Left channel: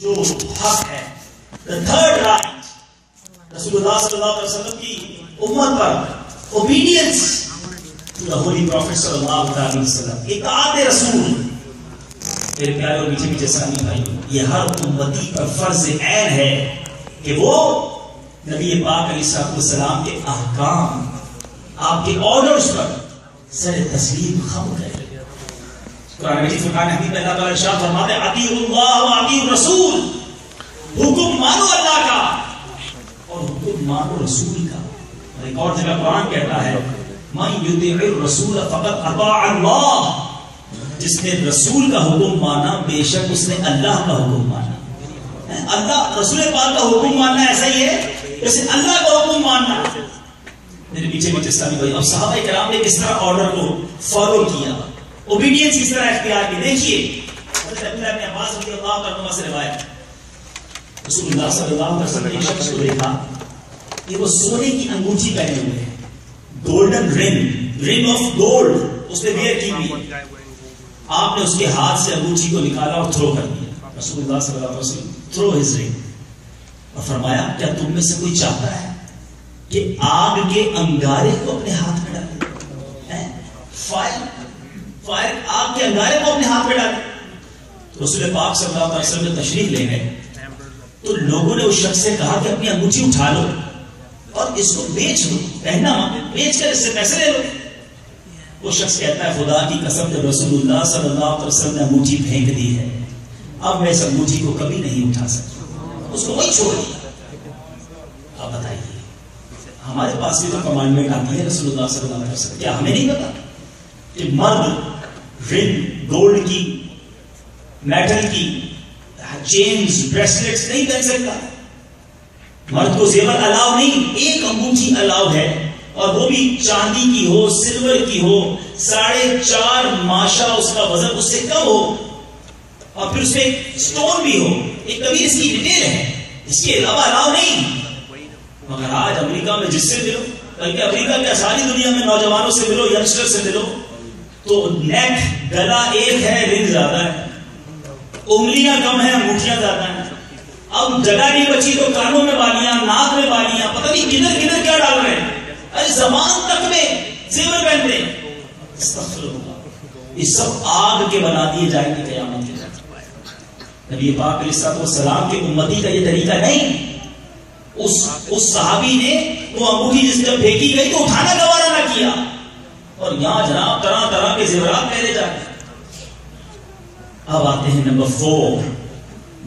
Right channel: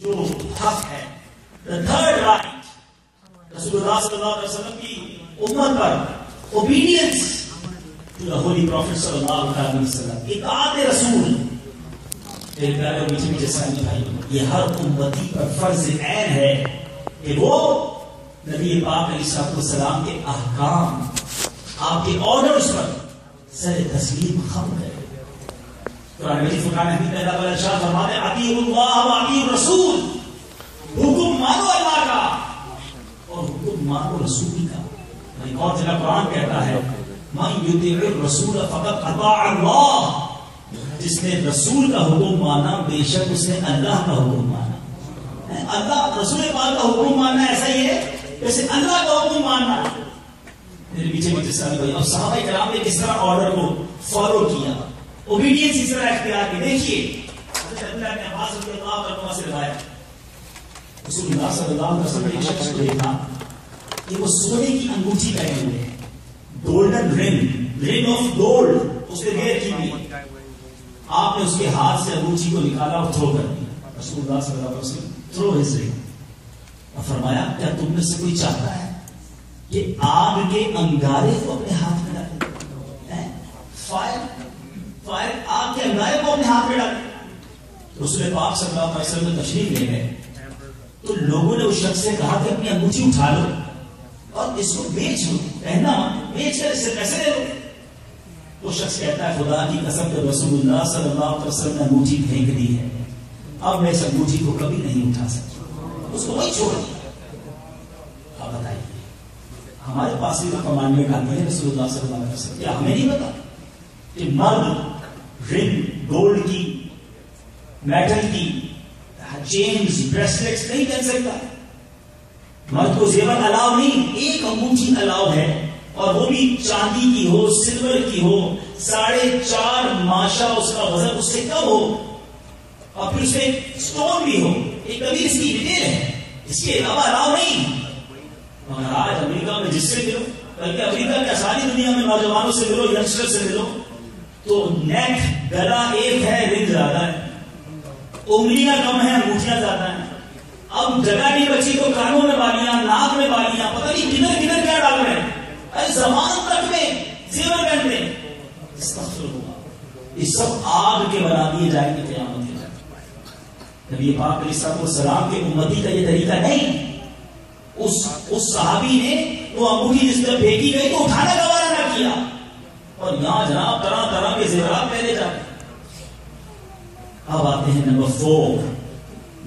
جو حق ہے the third right رسول اللہ صلی اللہ علیہ وسلم کی امت پر obedience to the holy prophet صلی اللہ علیہ وسلم اطاعت رسول. میرے پیارے اور میٹھے میٹھے اسلامی بھائیوں، یہ ہر امتی پر فرض عین ہے کہ وہ نبی پاک علیہ السلام کے احکام، آپ کے آرڈرز پر سر تسلیم خم کرے. قرآن مجید فرقان حمید میں اللہ تعالیٰ ارشاد فرماتے ہیں اطیعوا اللہ و اطیعوا الرسول، حکم مانو اللہ کا اور حکم مانو رسول کا. ایک اور جگہ قرآن کہتا ہے من یطیع الرسول فقد اطاع اللہ، جس نے رسول کا حکم مانا بے شک اس نے اللہ کا حکم مانا. اللہ رسول پاک کا حکم ماننا ایسا ہی ہے جیسے اللہ کا حکم ماننا. میرے پیچھے پیچھے اسلامی بھائی، اب صحابہ کرام نے کس طرح آرڈر کو فالو کیا، اوبیڈینس اس طرح اختیار کی. دیکھیے حضرت عبداللہ بن عباس رضی اللہ عنہ سے روایت، رسول اللہ صلی اللہ علیہ وسلم نے ایک شخص کو دیکھا کہ وہ سونے کی انگوٹھی پہنے ہوئے ہیں، گولڈن رنگ آف گولڈ اس نے ویئر کی ہوئی. آپ نے اس کے ہاتھ سے انگوٹھی کو نکالا اور تھرو کر دیا. رسول اللہ صلی اللہ علیہ وسلم تھرو ہز رنگ اور فرمایا کیا تم میں سے کوئی چاہتا ہے کہ آگ کے انگارے کو اپنے ہاتھ میں ڈالے؟ فائر آگ کے انگارے کو اپنے ہاتھ میں ڈالے. رسول پاک صلی اللہ علیہ وسلم نے تشریف لے گئے تو لوگوں نے اس شخص سے کہا کہ اپنی انگوٹھی اٹھا لو اور اس کو بیچ لو، پہننا بیچ کر اس سے پیسے لے لو. وہ شخص کہتا ہے خدا کی قسم جب رسول اللہ صلی اللہ علیہ وسلم نے انگوٹھی پھینک دی ہے اب میں اس انگوٹھی کو کبھی نہیں اٹھا سکتا، اس کو وہی چھوڑ دیا. آپ بتائیے ہمارے پاس بھی تو کمانڈمنٹ آتی ہے رسول اللہ صلی اللہ علیہ وسلم، کیا ہمیں نہیں پتا کہ مرد رنگ گولڈ کی، میٹل کی چینز بریسلیٹس نہیں پہن سکتا؟ مرد کو زیور الاؤ نہیں، ایک انگوٹھی الاؤ ہے اور وہ بھی چاندی کی ہو، سلور کی ہو، 4.5 ماشا اس کا وزن اس سے کم ہو اور پھر اس میں سٹون بھی ہو. ایک کبھی اس کی ڈیٹیل ہے، اس کے علاوہ الاؤ نہیں. مگر آج امریکہ میں جس سے ملو، بلکہ امریکہ کے ساری دنیا میں نوجوانوں سے ملو، ینگسٹر سے ملو تو نیک گلا ایک ہے، رنگ زیادہ ہے، انگلیاں کم ہیں، انگوٹھیاں زیادہ ہیں. اب جگہ نہیں بچی تو کانوں میں بالیاں، ناک میں بالیاں، پتہ نہیں کدھر کدھر کیا ڈال رہے ہیں. ارے زبان تک میں زیور پہنتے ہیں. استغفر اللہ، یہ سب آگ کے بنا دیے جائیں گے قیامت کے دن. نبی پاک علیہ السلام کے امتی کا یہ طریقہ نہیں. اس صحابی نے وہ انگوٹھی جس پر پھینکی گئی تو اٹھانا گوارا نہ کیا اور یہاں جناب طرح طرح کے زیورات پہنے جاتے. اب آتے ہیں نمبر 4،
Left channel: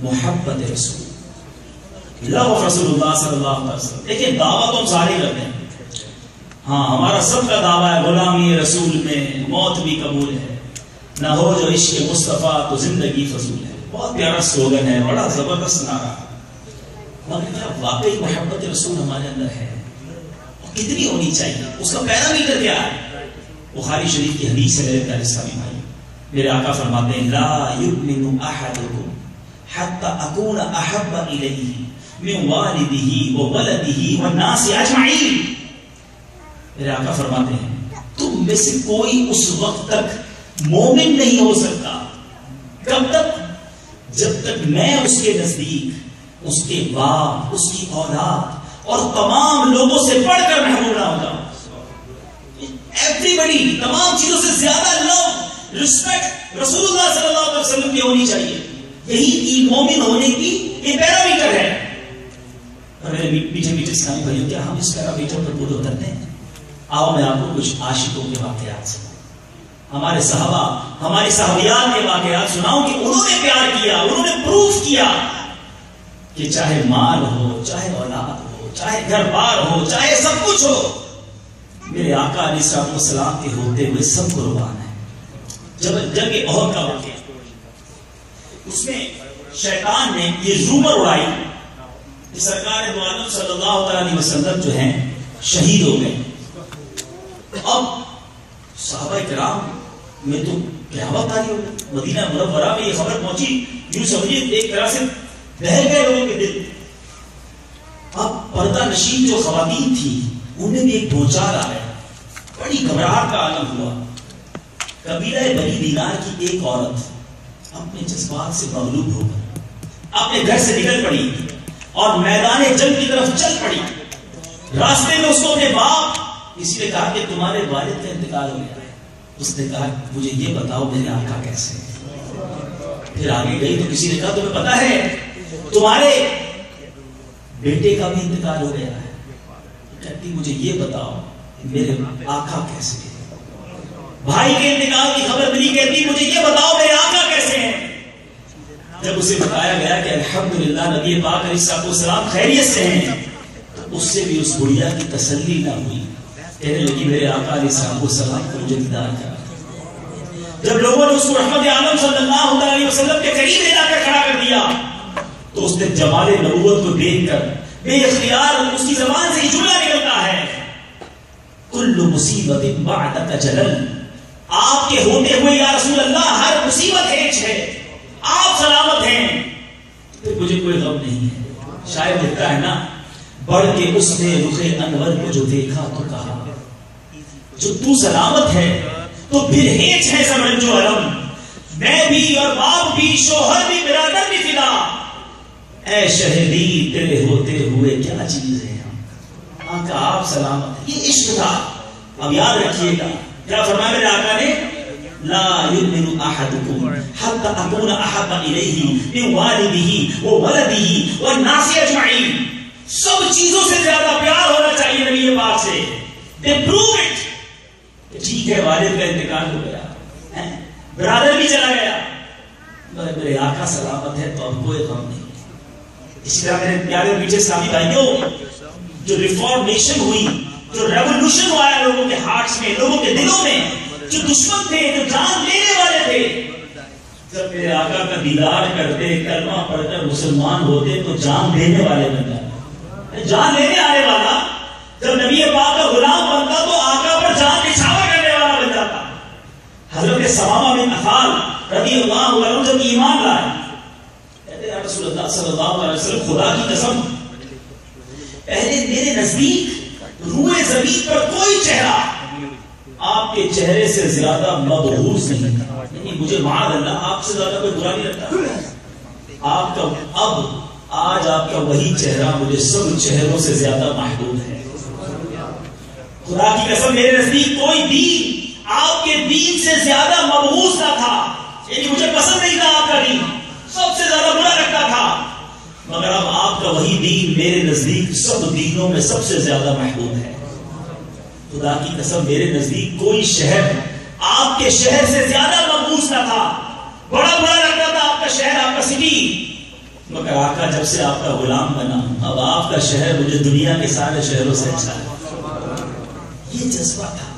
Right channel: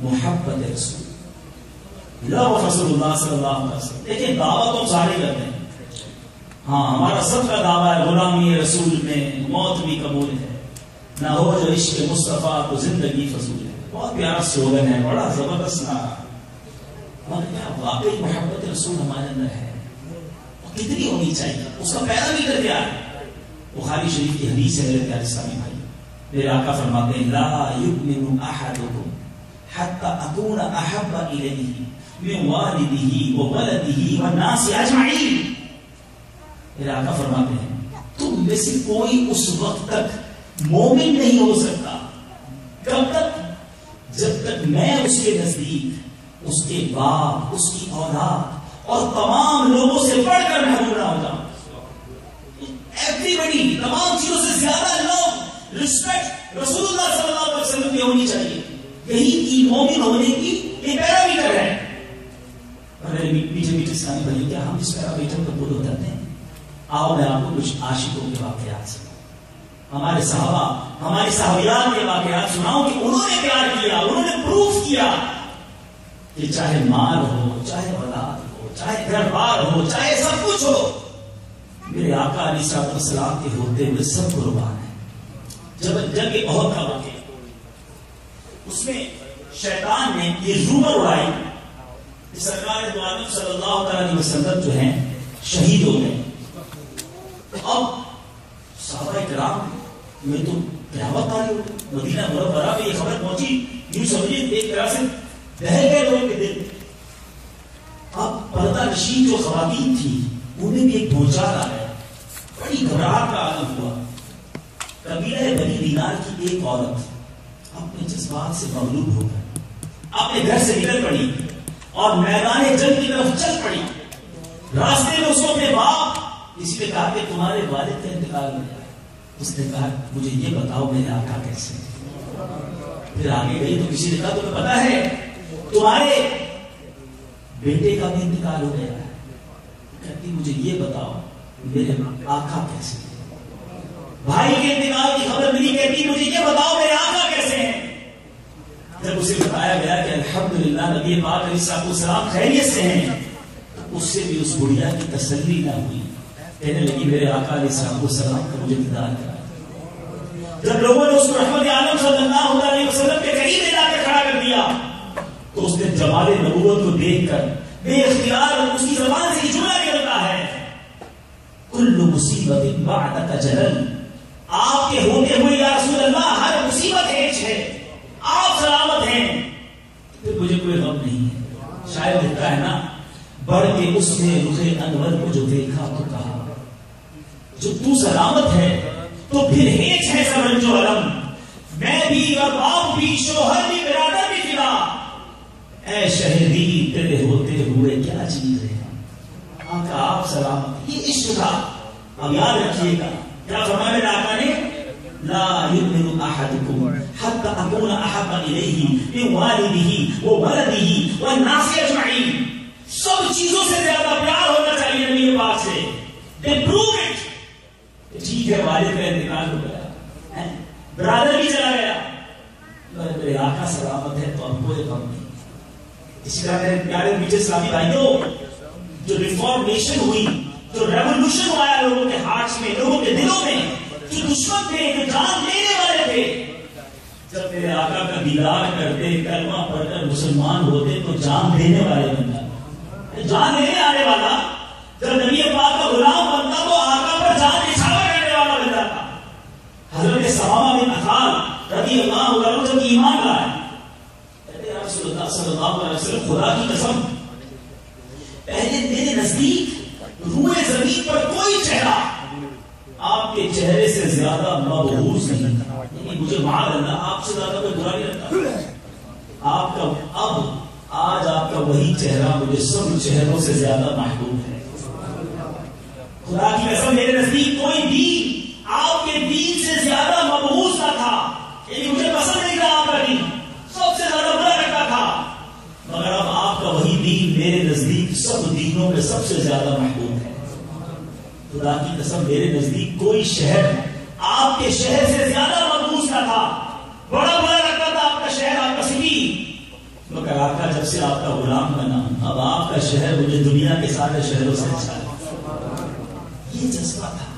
محبت رسول، لو رسول اللہ صلی اللہ علیہ وسلم. دیکھیں دعویٰ تو سارے کرتے ہیں، ہاں ہمارا سب کا دعویٰ ہے غلامی رسول میں موت بھی قبول ہے، نہ ہو جو عشق مصطفیٰ تو زندگی فضول ہے. بہت پیارا سلوگن ہے، بڑا زبردست نعرہ. واقعی محبت رسول ہمارے اندر ہے، کتنی ہونی چاہیے، اس کا پیرامیٹر کیا ہے؟ بخاری شریف کی حدیث ہے میرے پیارے اسلامی بھائی. میرے آقا فرماتے ہیں لا یؤمن احدکم حتی اکون احب الیہ من والدہ وولدہ والناس اجمعین. میرے آقا فرماتے ہیں تم میں سے کوئی اس وقت تک مومن نہیں ہو سکتا، کب تک؟ جب تک میں اس کے نزدیک اس کے باپ، اس کی اولاد اور تمام لوگوں سے بڑھ کر محبوب نہ ہوتا. ایوریبڈی، تمام چیزوں سے زیادہ لو، رسپیکٹ رسول اللہ صلی اللہ علیہ وسلم کی ہونی چاہیے. یہی مومن ہونے کی یہ پیرامیٹر ہے. میرے میٹھے میٹھے اسلامی بھائیوں، کیا ہم اس پیرامیٹر پر پورے اترتے ہیں؟ آؤ میں آپ کو کچھ عاشقوں کے واقعات سے، ہمارے صحابہ، ہماری صحابیات کے واقعات سناؤں کہ انہوں نے پیار کیا، انہوں نے پروف کیا کہ چاہے مال ہو، چاہے اولاد ہو، چاہے گھر بار ہو، چاہے سب کچھ ہو، میرے آقا علیہ السلام کے ہوتے ہوئے سب قربان ہیں. جب جنگ احد کا واقعہ، اس میں شیطان نے یہ رومر اڑائی کہ سرکار دو عالم صلی اللہ علیہ وسلم جو ہیں شہید ہو گئے. اب صحابہ کرام میں تو قیامت آئی ہوگی. مدینہ منورہ میں یہ خبر پہنچی، یوں سمجھیے ایک طرح سے بہل گئے لوگوں کے دل. اب پردہ نشین جو خواتین تھی انہیں بھی ایک بھونچال آیا، بڑی گھبراہٹ کا عالم ہوا. قبیلہ بنی دینار کی ایک عورت اپنے جذبات سے مغلوب ہو گئی، اپنے گھر سے نکل پڑی اور میدان جنگ کی طرف چل پڑی. راستے میں اس کو اپنے باپ کسی نے کہا کہ تمہارے والد کا انتقال ہو گیا ہے. اس نے کہا مجھے یہ بتاؤ میرے آقا کیسے ہیں. پھر آگے گئی تو کسی نے کہا تمہیں پتا ہے تمہارے بیٹے کا بھی انتقال ہو گیا ہے. کہتی مجھے یہ بتاؤ میرے آقا کیسے ہیں. بھائی کے انتقال کی خبر ملی. کہتی مجھے یہ بتاؤ میرے آقا کیسے ہیں. جب اسے بتایا گیا کہ الحمدللہ نبی پاک علیہ السلام خیریت سے ہیں تو اس سے بھی اس بڑھیا کی تسلی نہ ہوئی. کہنے لگی میرے آقا علیہ السلام کو مجھے دیدار کرا. جب لوگوں نے اس کو رحمت عالم صلی اللہ علیہ وسلم کے قریب لا کر کھڑا کر دیا تو اس نے جمال نبوت کو دیکھ کر بے اختیار اس کی زبان سے جملہ نکلتا ہے کل مصیبت بعدک جلل. آپ کے ہوتے ہوئے یا رسول اللہ ہر مصیبت ہیچ ہے. آپ سلامت ہیں تو مجھے کوئی غم نہیں ہے. شاید لکھتا ہے نا بڑھ کے اس نے رخ انور کو جو دیکھا تو کہا جو تو سلامت ہے تو پھر ہیچ ہے سب رنج و علم. میں بھی اور باپ بھی شوہر بھی برادر بھی فدا. اے شہری تیرے ہوتے ہوئے کیا چیز ہے. آقا آپ سلامت. یہ عشق تھا. اب یاد رکھیے گا کیا فرمایا میرے آقا نے لا یؤمن احدکم حتی اکون احب الیہ من والدہ وولدہ والناس اجمعین. سب چیزوں سے زیادہ پیار ہونا چاہیے نبی پاک سے. They prove it. ٹھیک ہے والد کا انتقال ہو گیا برادر بھی چلا گیا میرے آقا سلامت ہے تو اب کوئی غم نہیں. اسی طرح میرے پیارے میٹھے اسلامی بھائیوں جو ریفارمیشن ہوئی جو ریولوشن آیا لوگوں کے ہارٹس میں لوگوں کے دلوں میں جو دشمن تھے جو جان لینے والے تھے جب میرے آقا کا دیدار کرتے کلمہ پڑھ کر مسلمان ہوتے تو جان دینے والے بن جاتے. جان لینے آنے والا جب نبی پاک کا غلام بنتا تو آقا پر جان نچھاور کرنے والا بن جاتا. حضرت ثمامہ بن عفان رضی اللہ عنہ جب ایمان لائے کہتے ہیں رسول اللہ صلی اللہ علیہ وسلم خدا کی قسم پہلے میرے نزدیک روئے زمین پر کوئی چہرہ آپ کے چہرے سے زیادہ مبغوض نہیں تھا. مجھے معاذ اللہ آپ سے زیادہ کوئی برا نہیں لگتا. آپ کا اب آج آپ کا وہی چہرہ مجھے سب چہروں سے زیادہ محبوب ہے. خدا کی قسم میرے نزدیک کوئی دین آپ کے دین سے زیادہ مبغوض نہ تھا. یعنی مجھے پسند نہیں تھا آپ کا دین سب سے زیادہ برا لگتا تھا. مگر اب آپ کا وہی دین میرے نزدیک سب دینوں میں سب سے زیادہ محبوب ہے. خدا کی قسم میرے نزدیک کوئی شہر آپ کے شہر سے زیادہ مقبوض نہ تھا. بڑا برا لگتا تھا آپ کا شہر آپ کا سٹی. مگر آقا جب سے آپ کا غلام بنا اب آپ کا شہر مجھے دنیا کے سارے شہروں سے اچھا ہے. یہ جذبہ تھا.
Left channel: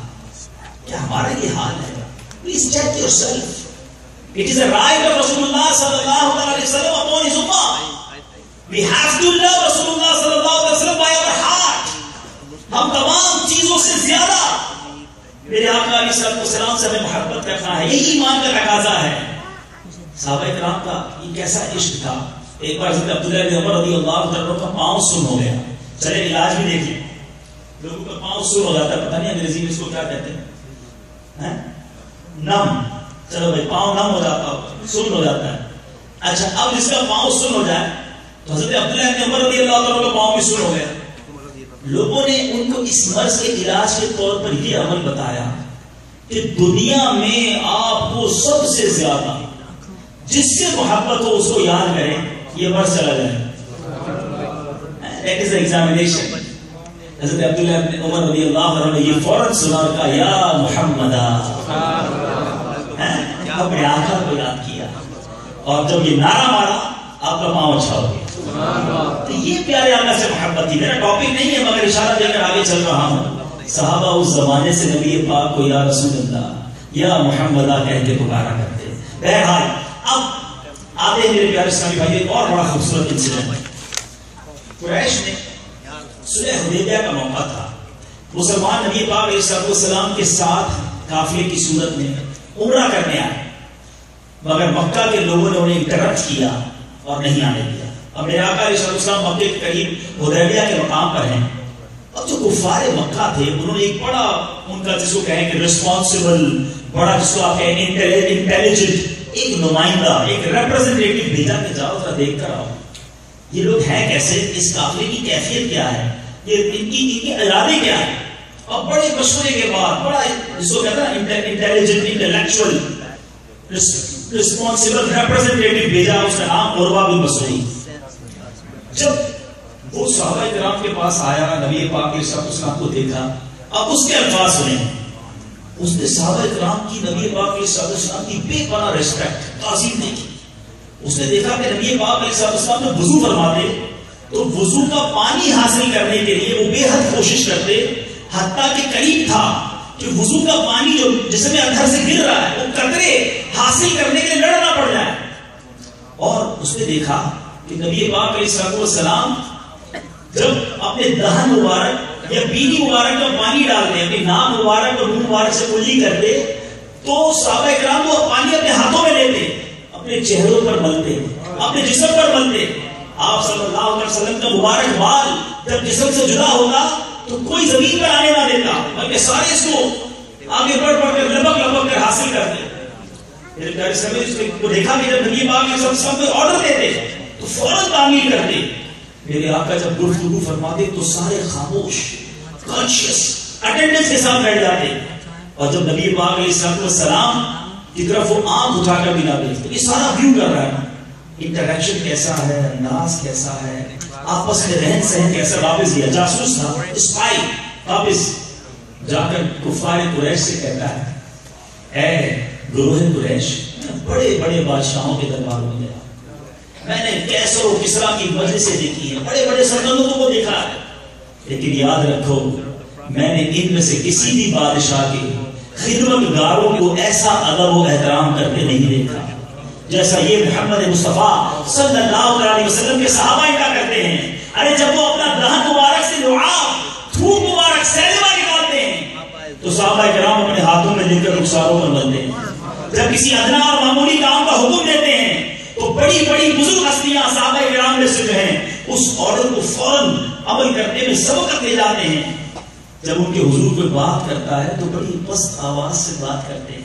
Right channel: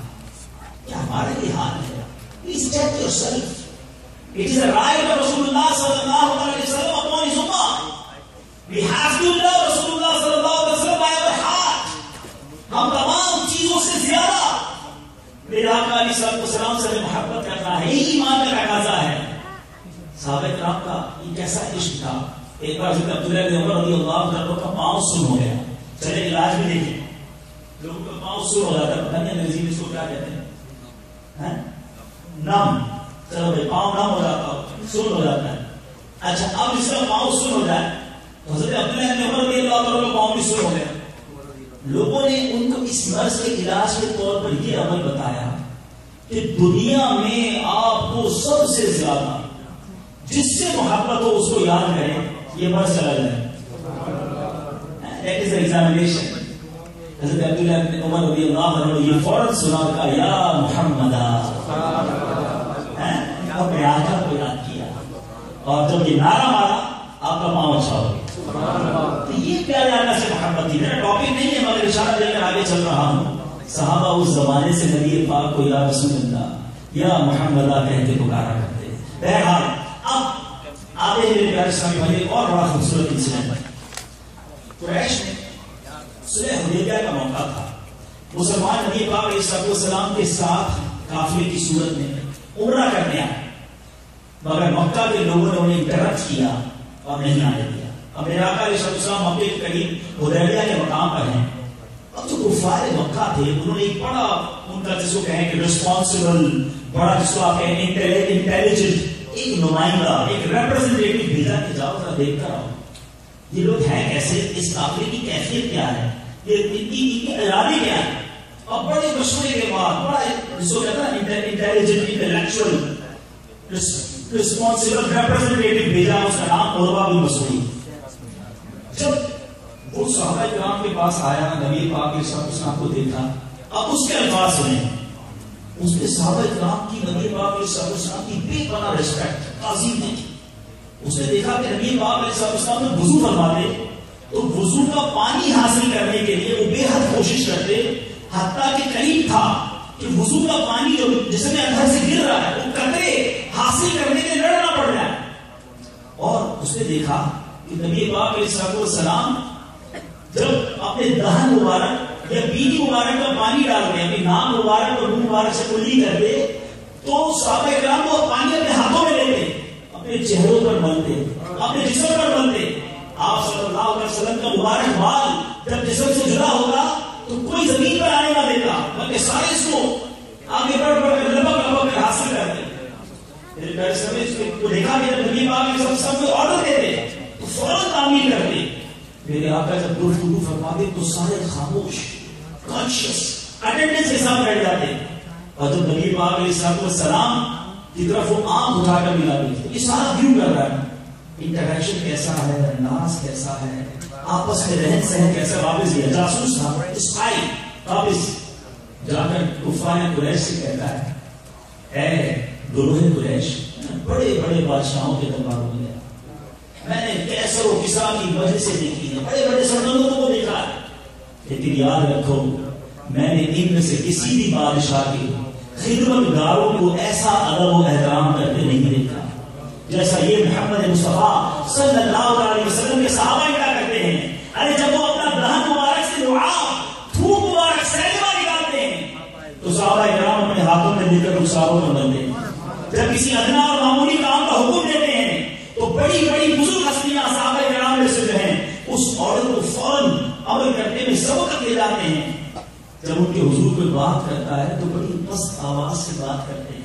کیا ہمارا یہ حال ہے؟ Please check yourself. It is a right of Rasulullah sallallahu alaihi wasallam upon his ummah. We have to love Rasulullah sallallahu alaihi wasallam by our heart. ہم تمام چیزوں سے زیادہ میرے آقا علیہ السلام سے ہمیں محبت کرنا ہے. یہی ایمان کا تقاضا ہے. صحابہ کرام کا یہ کیسا عشق تھا. ایک بار حضرت عبداللہ بن عمر رضی اللہ عنہ کا پاؤں سن ہو گیا. چلے علاج بھی دیکھ لیں. لوگوں کا پاؤں سن ہو جاتا ہے پتہ نہیں انگریزی میں اس کو کیا کہتے ہیں نم. چلو بھائی پاؤں نم ہو جاتا ہو سن ہو جاتا ہے. اچھا اب اس کا پاؤں سن ہو جائے تو حضرت عبداللہ بن عمر رضی اللہ عنہ کا پاؤں بھی سن ہو گیا. لوگوں نے ان کو اس مرض کے علاج کے طور پر یہ عمل بتایا کہ دنیا میں آپ کو سب سے زیادہ جس سے محبت ہو اس کو یاد کریں یہ مرض چلا جائے. That is the examination. حضرت عبداللہ بن عمر رضی اللہ عنہ نے یہ فوراً سنا کہا یا محمد اپنے آقا کو یاد کیا اور جب یہ نعرہ مارا آپ کا پاؤں اچھا ہو گیا. تو یہ پیارے آقا سے محبت تھی. میرا ٹاپک نہیں ہے مگر اشارہ دے کر آگے چل رہا ہوں. صحابہ اس زمانے سے نبی پاک کو یا رسول اللہ یا محمدہ کہہ کے پکارا کرتے. بہرحال اب آتے میرے پیارے اسلامی بھائی ایک اور بڑا خوبصورت انسیڈنٹ. قریش نے صلح حدیبیہ کا موقع تھا. مسلمان نبی پاک علیہ السلام کے ساتھ قافلے کی صورت میں عمرہ کرنے آئے مگر مکہ کے لوگوں نے انہیں انٹرپٹ کیا اور نہیں آنے دیا. اب میرے آقا علیہ السلام مکے کے قریب حدیبیہ کے مقام پر ہیں. اب جو کفار مکہ تھے انہوں نے ایک بڑا ان کا جس کو کہیں کہ ریسپانسبل بڑا جس کو آپ کہیں انٹیلیجنٹ ایک نمائندہ، ایک ریپرزنٹیٹو بھیجا کہ جاؤ ذرا دیکھ کر آؤ یہ لوگ ہیں کیسے، اس قافلے کی کیفیت کیا ہے، یہ ان کی ارادے کیا ہے. اور بڑے مشورے کے بعد بڑا جس کو کہتا ہے انٹیلیجنٹ انٹلیکچوئل رسپانسبل ریپرزنٹیٹو بھیجا، اس کا نام عروہ بن مسعود. جب وہ صحابہ کرام کے پاس آیا، نبی پاک علیہ السلام کو دیکھا، اب اس کے الفاظ سنیں. اس نے صحابہ کرام کی نبی پاک علیہ السلام کی بے پناہ ریسپیکٹ، تعظیم دیکھی. اس نے دیکھا کہ نبی پاک علیہ السلام نے وضو فرماتے تو وضو کا پانی حاصل کرنے کے لیے وہ بے حد کوشش کرتے، حتیٰ کہ قریب تھا کہ وضو کا پانی جو جسم اندر سے گر رہا ہے وہ قطرے حاصل کرنے کے لیے لڑنا پڑ جائے. اور اس نے دیکھا کہ نبی پاک علیہ السلام جب اپنے دہن مبارک یا بیوی مبارک کا پانی ڈالتے ہیں، اپنے نام مبارک اور منہ مبارک سے کلی کرتے تو صحابہ کرام وہ پانی اپنے ہاتھوں میں لیتے، اپنے چہروں پر ملتے، اپنے جسم پر ملتے. آپ صلی اللہ علیہ وسلم کا مبارک بال جب جسم سے جدا ہوگا تو کوئی زمین پر آنے نہ دیتا، بلکہ سارے اس کو آگے بڑھ بڑھ کر لپک لپک کر حاصل کرتے. دیکھا کہ جب نبی پاک علیہ السلام کو آرڈر دیتے تو فوراً تعمیل کرتے. میرے آقا جب گفتگو فرماتے تو سارے خاموش کانشیس اٹینڈنس کے ساتھ بیٹھ جاتے. اور جب نبی پاک علیہ السلام کی طرف وہ آنکھ اٹھا کر بھی لاتے تو یہ سارا ویو کر رہا ہے، انٹریکشن کیسا ہے، انداز کیسا ہے، آپس میں رہن سہن کیسا. واپس گیا، جاسوس تھا، اسپائی. واپس جا کر کفار قریش سے کہتا ہے، اے گروہ قریش، بڑے بڑے بادشاہوں کے درباروں میں میں نے کیسر و کسرا کی وجہ سے دیکھی ہے، بڑے بڑے سلطنتوں کو دیکھا ہے، لیکن یاد رکھو میں نے ان میں سے کسی بھی بادشاہ کے خدمت گاروں کو ایسا ادب و احترام کرتے نہیں دیکھا جیسا یہ محمد مصطفیٰ صلی اللہ علیہ وسلم کے صحابہ کا کرتے ہیں. ارے جب وہ اپنا دہن مبارک سے لعاب تھوک مبارک سیلما نکالتے ہیں تو صحابہ کرام اپنے ہاتھوں میں لے کر رخساروں پر بندھتے ہیں. جب کسی ادنا اور معمولی کام کا حکم دیتے ہیں تو بڑی بڑی بزرگ ہستیاں صحابہ کرام میں سے جو ہیں اس آرڈر کو فوراً عمل کرنے میں سبقت لے جاتے ہیں. جب ان کے حضور پہ بات کرتا ہے تو بڑی پست آواز سے بات کرتے ہیں.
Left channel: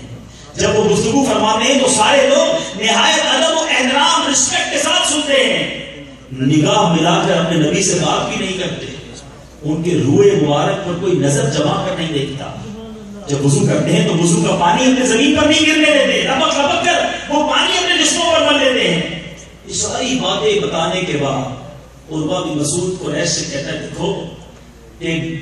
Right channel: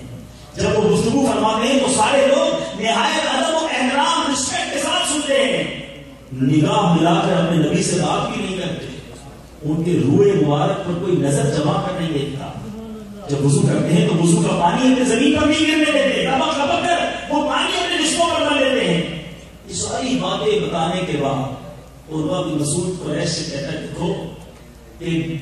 جب وہ گفتگو فرماتے ہیں تو سارے لوگ نہایت ادب و احترام رسپیکٹ کے ساتھ سنتے ہیں. نگاہ ملا کر اپنے نبی سے بات بھی نہیں کرتے، ان کے روئے مبارک پر کوئی نظر جما کر نہیں دیکھتا. جب وضو کرتے ہیں تو وضو کا پانی اپنے زمین پر نہیں گرنے دیتے، لپک لپک کر وہ پانی اپنے جسموں پر مل لیتے ہیں. یہ ساری باتیں بتانے کے بعد عروہ بن مسعود قریش سے کہتا ہے، دیکھو کہ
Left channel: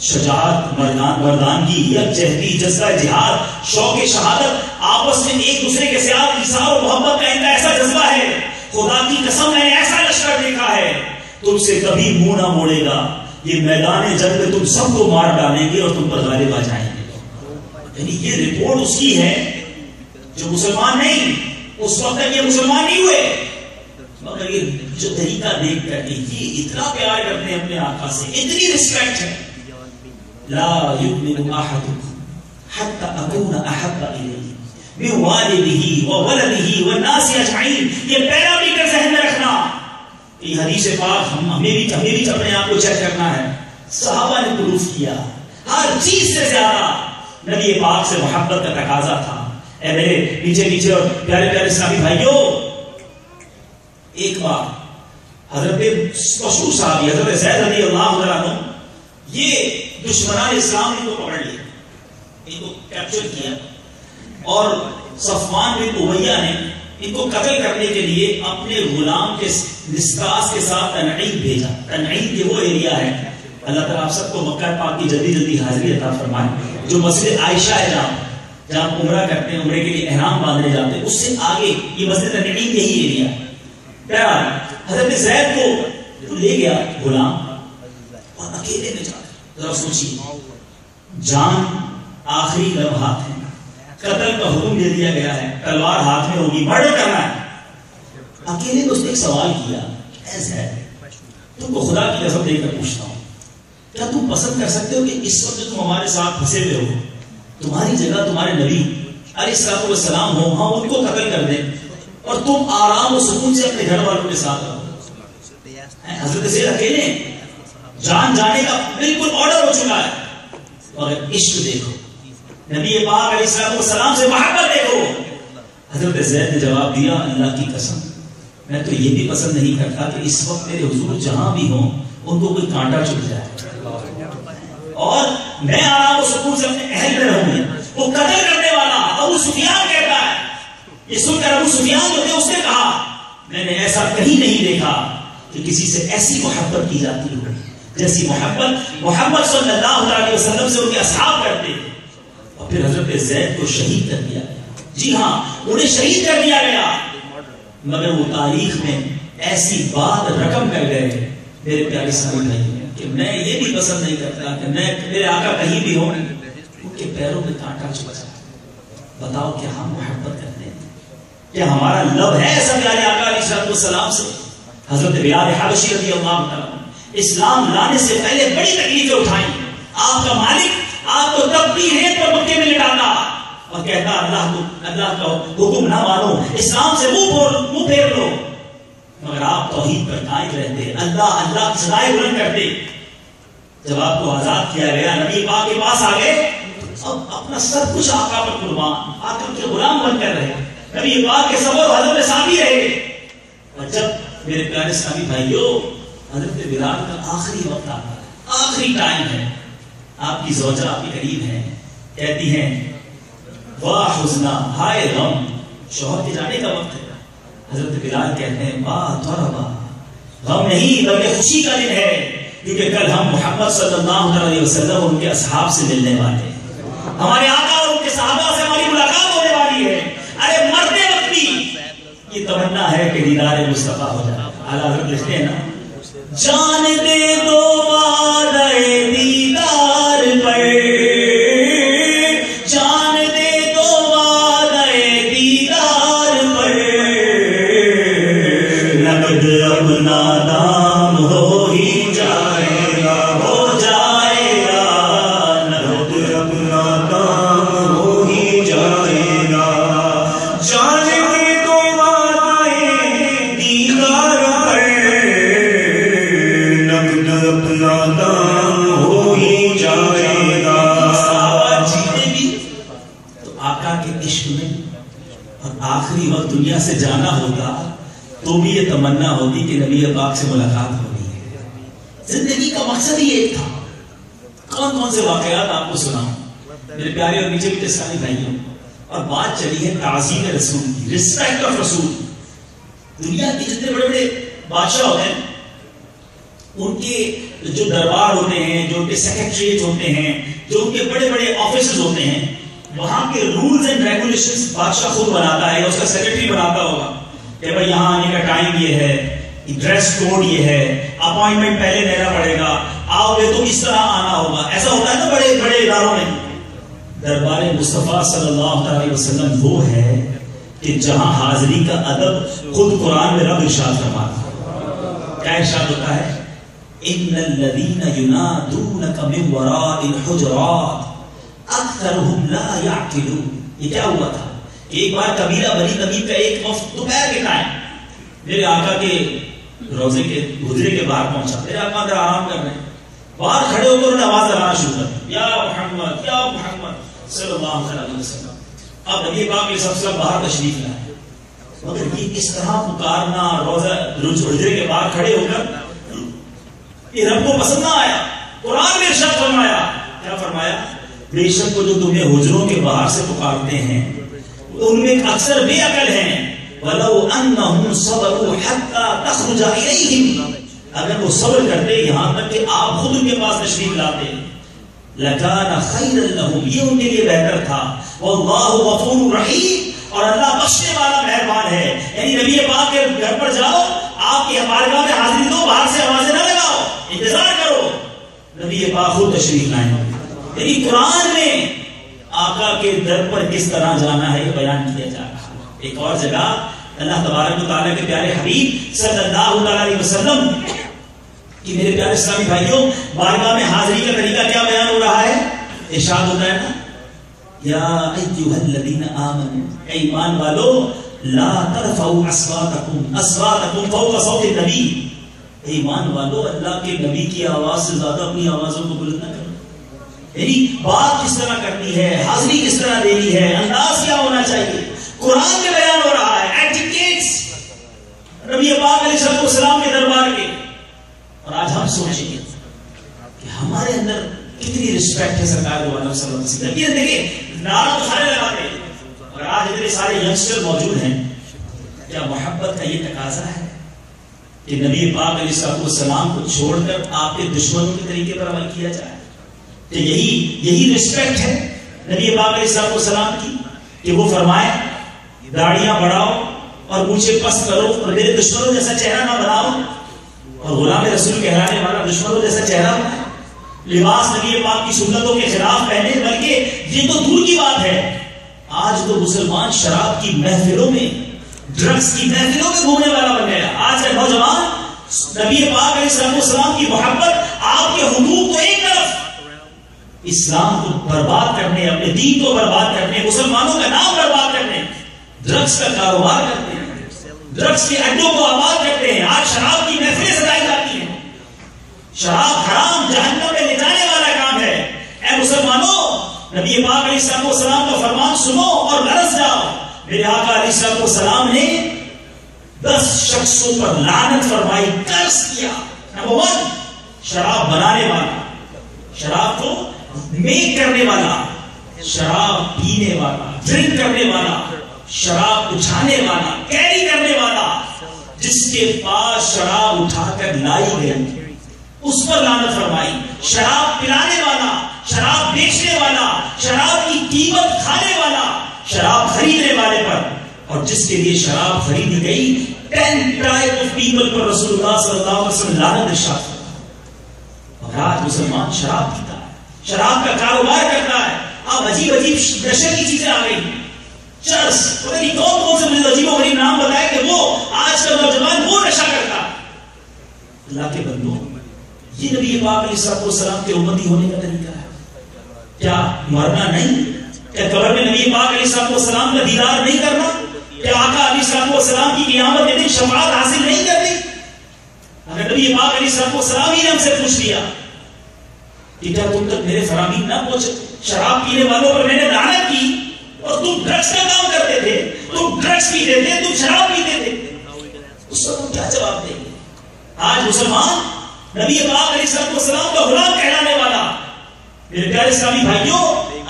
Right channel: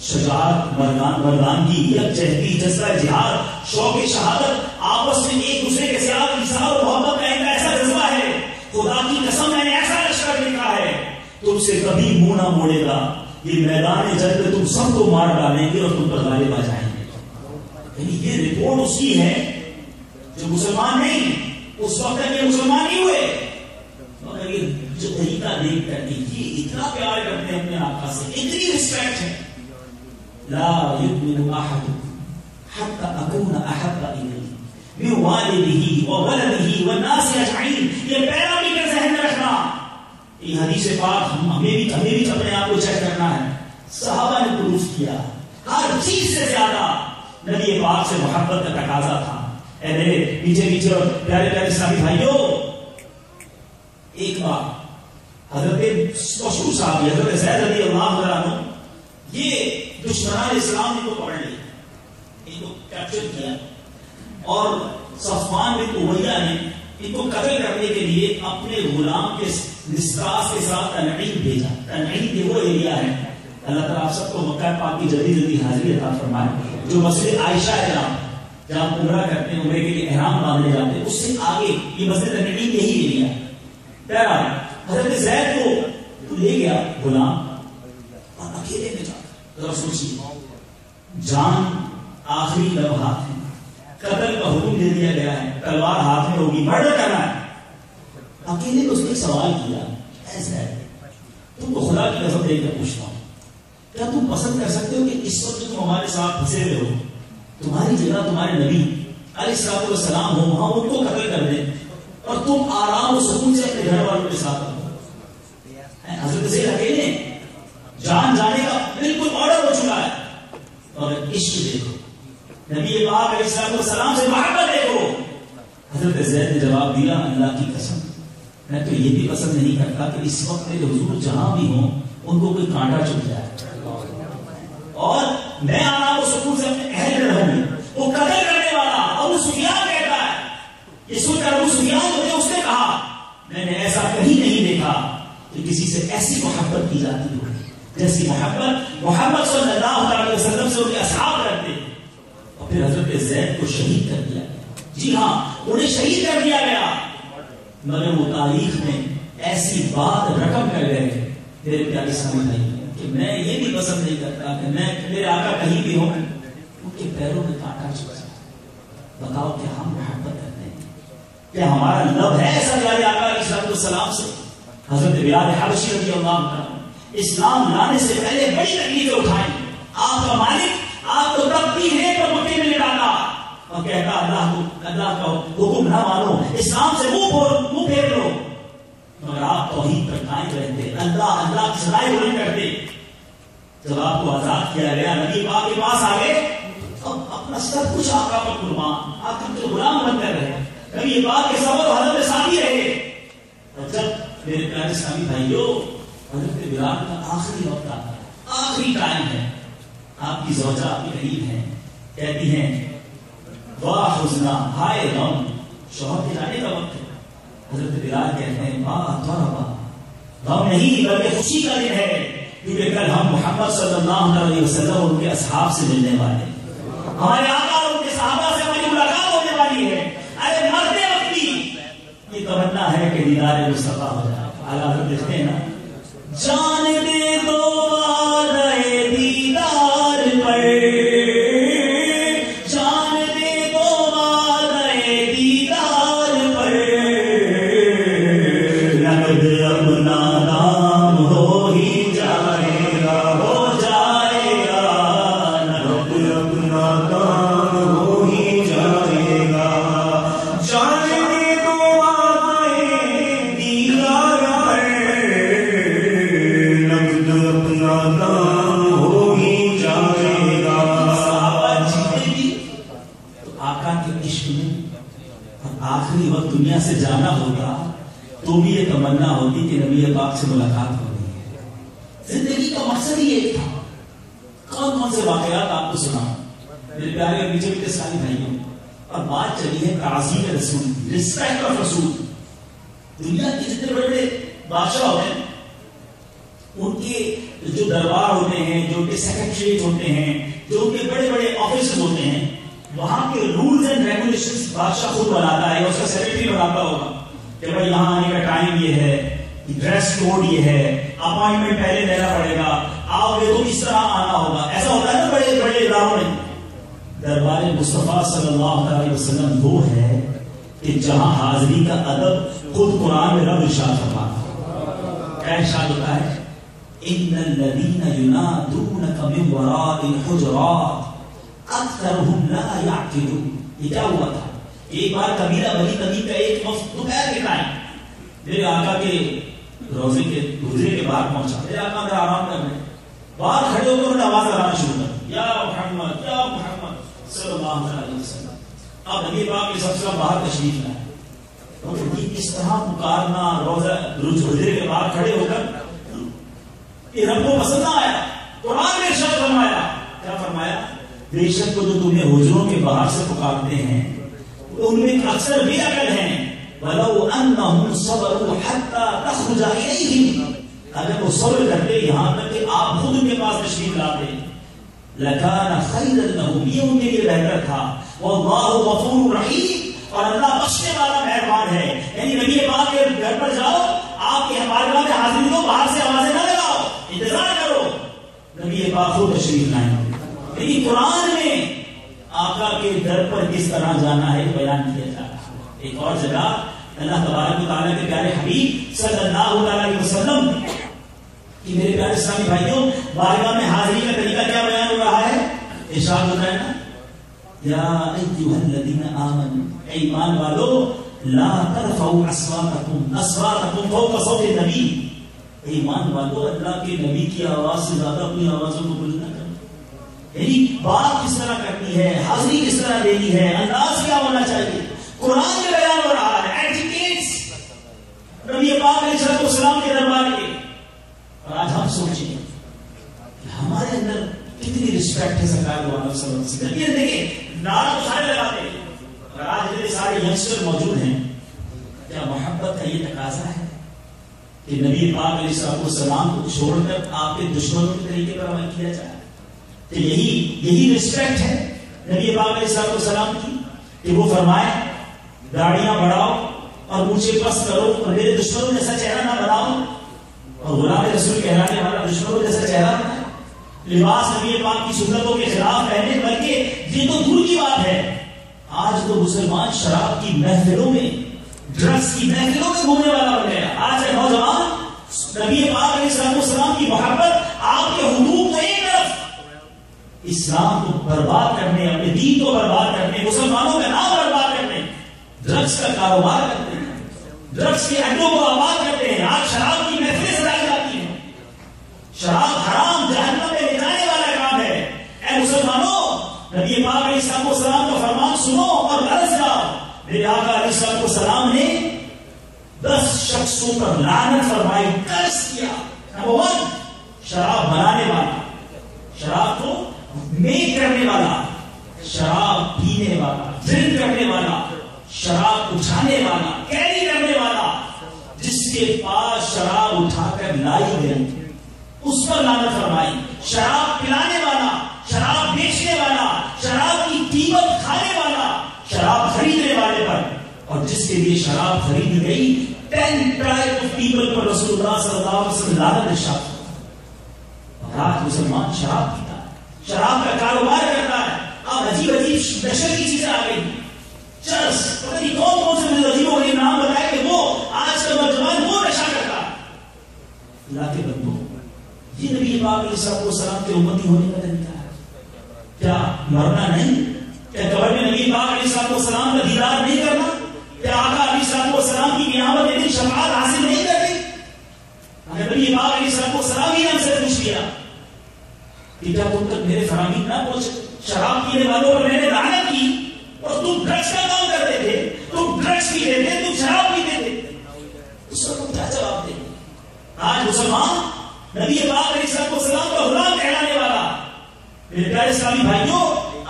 شجاعت، مردانگی، یکجہتی، جذبہ جہاد، شوق شہادت، آپس میں ایک دوسرے کے ساتھ انصاف اور محبت کا ان کا ایسا جذبہ ہے. خدا کی قسم میں نے ایسا لشکر دیکھا ہے تم سے کبھی منہ نہ موڑے گا. یہ میدان جنگ میں تم سب کو مار ڈالیں گے اور تم پر غالب آ جائیں گے. یعنی یہ رپورٹ اس کی ہے جو مسلمان نہیں، اس وقت تک یہ مسلمان نہیں ہوئے، مگر یہ جو طریقہ دیکھ کر یہ اتنا پیار کرتے ہیں اپنے آقا سے، اتنی رسپیکٹ ہے. لا يؤمن احدكم حتى اكون احب اليه من والده وولده والناس اجمعين. یہ پہلا بھی کر ذہن میں رکھنا. یہ حدیث پاک ہمیں بھی اپنے آپ کو چیک کرنا ہے. صحابہ نے پروف کیا ہر چیز سے زیادہ نبی پاک سے محبت کا تقاضا تھا. اے میرے پیچھے پیچھے اور پیارے پیارے اسلامی بھائیوں، ایک بار حضرت مشہور صحابی حضرت زید رضی اللہ عنہ یہ دشمنان اسلام ان کو پکڑ لیا، ان کو کیپچر کیا اور صفوان بن امیہ نے ان کو قتل کرنے کے لیے اپنے غلام کے نسطاس کے ساتھ تنعیم بھیجا. تنعیم یہ وہ ایریا ہے، اللہ تعالیٰ آپ سب کو مکہ پاک کی جلدی جلدی حاضری عطا فرمائے، جو مسجد عائشہ ہے جہاں عمرہ کرتے ہیں، عمرے کے لیے احرام باندھنے جاتے ہیں، اس سے آگے یہ مسجد تنعیم یہی ایریا ہے. بہرحال حضرت زید کو لے گیا غلام اور اکیلے میں جا ذرا سوچیے، جان آخری لمحات ہیں، قتل کا حکم دے دیا گیا ہے، تلوار ہاتھ میں ہوگی، مرڈر کرنا ہے. اکیلے تو اس نے ایک سوال کیا، ایسا ہے تم کو خدا کی قسم دے کر پوچھتا ہوں، کیا تم پسند کر سکتے ہو کہ اس وقت تم ہمارے ساتھ پھنسے ہوئے ہو، تمہاری جگہ تمہارے نبی علیہ السلام ہو، وہاں ان کو قتل کر دیں اور تم آرام و سکون سے اپنے گھر والوں کے ساتھ رہو. حضرت زید اکیلے جان جانے کا بالکل آرڈر ہو چکا ہے، اور عشق دیکھو، نبی پاک علیہ السلام سے محبت دیکھو. حضرت زید نے جواب دیا اللہ کی قسم میں تو یہ بھی پسند نہیں کرتا کہ اس وقت میرے حضور جہاں بھی ہوں ان کو کوئی کانٹا چبھ جائے اور میں آرام و سکون سے اپنے اہل میں رہوں گی. وہ قتل کرنے والا ابو سفیان کہتا ہے یہ سن کر ابو سفیان جو تھے اس نے کہا میں نے ایسا کہیں نہیں دیکھا کہ کسی سے ایسی محبت کی جاتی ہو جیسی محبت محمد صلی اللہ علیہ وسلم سے ان کے اصحاب کرتے. اور پھر حضرت زید کو شہید کر دیا گیا. جی ہاں انہیں شہید کر دیا گیا مگر وہ تاریخ میں ایسی بات رقم کر گئے میرے پیارے اسلامی بھائی کہ میں یہ بھی پسند نہیں کرتا کہ میں میرے آقا کہیں بھی ہوں ان کے پیروں میں کانٹا چبھ جائے. بتاؤ کیا ہم محبت کرتے ہیں؟ کیا ہمارا لب ہے ایسا پیارے آقا علیہ السلام سے؟ حضرت بلال حبشی رضی اللہ عنہ اسلام لانے سے پہلے بڑی تکلیفیں اٹھائیں. آپ کا مالک آپ کو تب بھی ریت پر مکے میں لٹاتا اور کہتا اللہ کا حکم نہ مانو اسلام سے منہ پھیر لو مگر آپ توحید پر قائم رہتے اللہ اللہ کی صدائیں بلند کرتے. جب آپ کو آزاد کیا گیا نبی پاک کے پاس آ گئے اب اپنا سب کچھ آقا پر قربان آقا کے غلام بن کر رہے نبی پاک کے صبر و حضرت ساتھی رہے. اور جب میرے پیارے ساتھی بھائیوں حضرت بلال کا آخری وقت آتا ہے آخری ٹائم ہے آپ کی زوجہ آپ کے قریب ہیں کہتی ہیں واہ حزنا ہائے غم شوہر کے جانے کا وقت ہے. حضرت بلال کہتے ہیں غم نہیں بلکہ خوشی کا دن ہے کیونکہ کل ہم محمد صلی اللہ علیہ وسلم ان کے اصحاب سے ملنے والے ہیں ہمارے آقا اور ان کے صحابہ سے ہماری ملاقات ہونے والی ہے. ارے مرتے وقت بھی یہ تمنا ہے کہ دیدار مصطفیٰ ہو جائے. اعلیٰ حضرت لکھتے ہیں نا جان دے دو وعدے دیدار پر جان دے دو وعدے دیدار پر نقد اپنا دام ہو ہی جائے گا ہو جائے گا نقد اپنا دام ہو ہی جائے گا. جان دے دو وعدے دیدار پر اپنا دام ہو ہی جائے گا. جیتے بھی تو آقا کے عشق میں اور آخری وقت دنیا سے جانا ہوتا تو بھی یہ تمنا ہوتی کہ نبی پاک سے ملاقات ہونی ہے. زندگی کا مقصد ہی ایک تھا. کون کون سے واقعات آپ کو سناؤں میرے پیارے اور نیچے بھی سارے بھائیوں. اور بات چلی ہے تعظیم رسول کی رسپیکٹ آف رسول. دنیا کے جتنے بڑے بڑے بادشاہ ہوتے ہیں ان کے جو دربار ہوتے ہیں جو ان کے سیکریٹریٹ ہوتے ہیں جو ان کے بڑے بڑے آفیسز ہوتے ہیں وہاں کے رولز اینڈ ریگولیشنز بادشاہ خود بناتا ہے اس کا سیکریٹری بناتا ہوگا کہ بھائی یہاں آنے کا ٹائم یہ ہے ڈریس کوڈ یہ ہے اپائنٹمنٹ پہلے لینا پڑے گا آؤ گے تو اس طرح آنا ہوگا. ایسا ہوتا ہے نا بڑے بڑے اداروں میں. دربار مصطفیٰ صلی اللہ علیہ وسلم وہ ہے کہ جہاں حاضری کا ادب خود قرآن میں رب ارشاد فرماتا. کیا ارشاد ہوتا ہے ان الذين ينادونك من وراء الحجرات اکثرهم لا يعقلون. یہ کیا ہوا تھا؟ ایک بار قبیلہ بنی تمیم کا ایک وفد دوپہر کے ٹائم میرے آقا کے روزے کے حجرے کے باہر پہنچا. میرے آقا اندر آرام کر رہے ہیں باہر کھڑے ہو کر آواز لگانا شروع کر دی یا محمد صلی اللہ علیہ وسلم. اب نبی پاک کے سلسلہ باہر تشریف لائے مگر یہ کس طرح پکارنا روزہ حجرے کے باہر کھڑے ہو کر یہ رب کو پسند نہ آیا. قرآن میں ارشاد فرمایا کیا فرمایا بے شک جو تمہیں حجروں کے باہر سے پکارتے ہیں ان میں اکثر بے عقل ہیں. وَلَوْ أَنَّهُمْ صَبَرُوا حَتَّى تَخْرُجَ إِلَيْهِمْ اگر وہ صبر کرتے یہاں تک کہ آپ خود ان کے پاس تشریف لاتے لَكَانَ خَيْرًا لَهُمْ یہ ان کے لیے بہتر تھا. وَاللَّهُ غَفُورٌ رَحِيمٌ اور اللہ بخشنے والا مہربان ہے. یعنی نبی پاک کے گھر پر جاؤ آپ کی ہمارے گاہ میں حاضری دو باہر سے آوازیں نہ لگاؤ انتظار کرو نبی پاک خود تشریف لائیں. یعنی قرآن میں آقا کے در پر کس طرح جانا ہے یہ بیان کیا جا رہا ہے. ایک اور جگہ اللہ تبارک و تعالیٰ کے پیارے حبیب صلی اللہ علیہ وسلم کہ میرے پیارے اسلامی بھائیوں بارگاہ میں حاضری کا طریقہ کیا بیان ہو رہا ہے. ارشاد ہوتا ہے نا یا ایھا الذین آمنوا اے ایمان والو لا ترفعوا اصواتکم فوق صوت النبی. ایمان والو اللہ کے نبی کی آواز سے زیادہ اپنی آوازوں کو بلند نہ کرو. یعنی بات کس طرح کرنی ہے حاضری کس طرح دینی ہے انداز کیا ہونا چاہیے. قرآن میں بیان ہو رہا ہے، ایٹیکیٹس نبی پاک علیہ السلام کے دربار کے. اور آج ہم سوچیں کہ ہمارے اندر کتنی رسپیکٹ ہے سرکار دو عالم صلی اللہ علیہ وسلم. یہ دیکھیں نعرہ تو سارے لگاتے ہیں، اور آج اتنے سارے ینگسٹر موجود ہیں. کیا محبت کا یہ تقاضا ہے کہ نبی پاک علیہ السلام کو چھوڑ کر آپ کے دشمنوں کے طریقے پر عمل کیا جائے؟ کہ یہی رسپیکٹ ہے نبی پاک علیہ السلام کی کہ وہ فرمائے داڑیاں بڑھاؤ اور مجھے پست کرو اور میرے دشمنوں جیسا چہرہ نہ بناؤ، اور غلام رسول کہلانے والا دشمنوں جیسا چہرہ بنائے، لباس نبی پاک کی سنتوں کے خلاف پہنے. بلکہ یہ تو دور کی بات ہے، آج تو مسلمان شراب کی محفلوں میں، ڈرگس کی محفلوں میں گھومنے والا بن گیا. آج کے نوجوان نبی پاک علیہ السلام کی محبت، آپ کے حقوق تو ایک طرف، اسلام کو برباد کرنے، اپنے دین کو برباد کرنے، مسلمانوں کا نام برباد کرنے، ڈرگس کا کاروبار کرتے ہیں، ڈرگس کے اڈوں کو آباد کرتے ہیں. آج شراب کی محفلیں سجائی جاتی ہیں. شراب حرام جہنم میں لے جانے والا کام ہے. اے مسلمانوں، نبی پاک علیہ السلام کا فرمان سنو اور برس جاؤ. میرے آقا علیہ السلام نے 10 شخصوں پر لعنت فرمائی، قرض کیا. نمبر 1 شراب بنانے والا، شراب کو میک کرنے والا، شراب پینے والا، ڈرنک کرنے والا، شراب اٹھانے والا، کیری کرنے والا. جس کے پاس شراب اٹھا کر لائی گئی اس پر لعنت فرمائی. شراب پلانے والا، شراب بیچنے والا، شراب کی قیمت کھانے والا، شراب خریدنے والے پر، اور جس کے لیے شراب خریدی گئی 10 ٹائپ آف پیپل پر رسول اللہ صلی اللہ علیہ وسلم لعنت ارشاد فرمایا. اور آج مسلمان شراب پیتا ہے، شراب کا کاروبار کرتا ہے. اب عجیب نشے کی چیزیں آ گئی، چرس، پتہ نہیں کون سے عجیب و غریب نام بتائے کہ وہ آج کا نوجوان وہ نشہ کرتا ہے. اللہ کے بندوں، یہ نبی پاک علیہ السلام کے امتی ہونے کا طریقہ ہے. کیا مرنا نہیں؟ کیا قبر میں نبی پاک علیہ السلام کا دیدار نہیں کرنا؟ کیا آقا علیہ السلام کی قیامت کے دن شفاعت حاصل نہیں کرنی؟ اگر نبی پاک علیہ السلام ہی نے ہم سے پوچھ لیا کہ کیا تم تک میرے فرامین نہ پہنچے؟ شراب پینے والوں پر میں نے لعنت کی اور تم ڈرگس کا کام کرتے تھے، تم ڈرگس پیتے تھے، تم شراب پیتے تھے، اس کو تم کیا جواب دیں گے؟ آج مسلمان نبی پاک علیہ السلام کا غلام کہلانے والا، میرے پیارے اسلامی بھائیوں،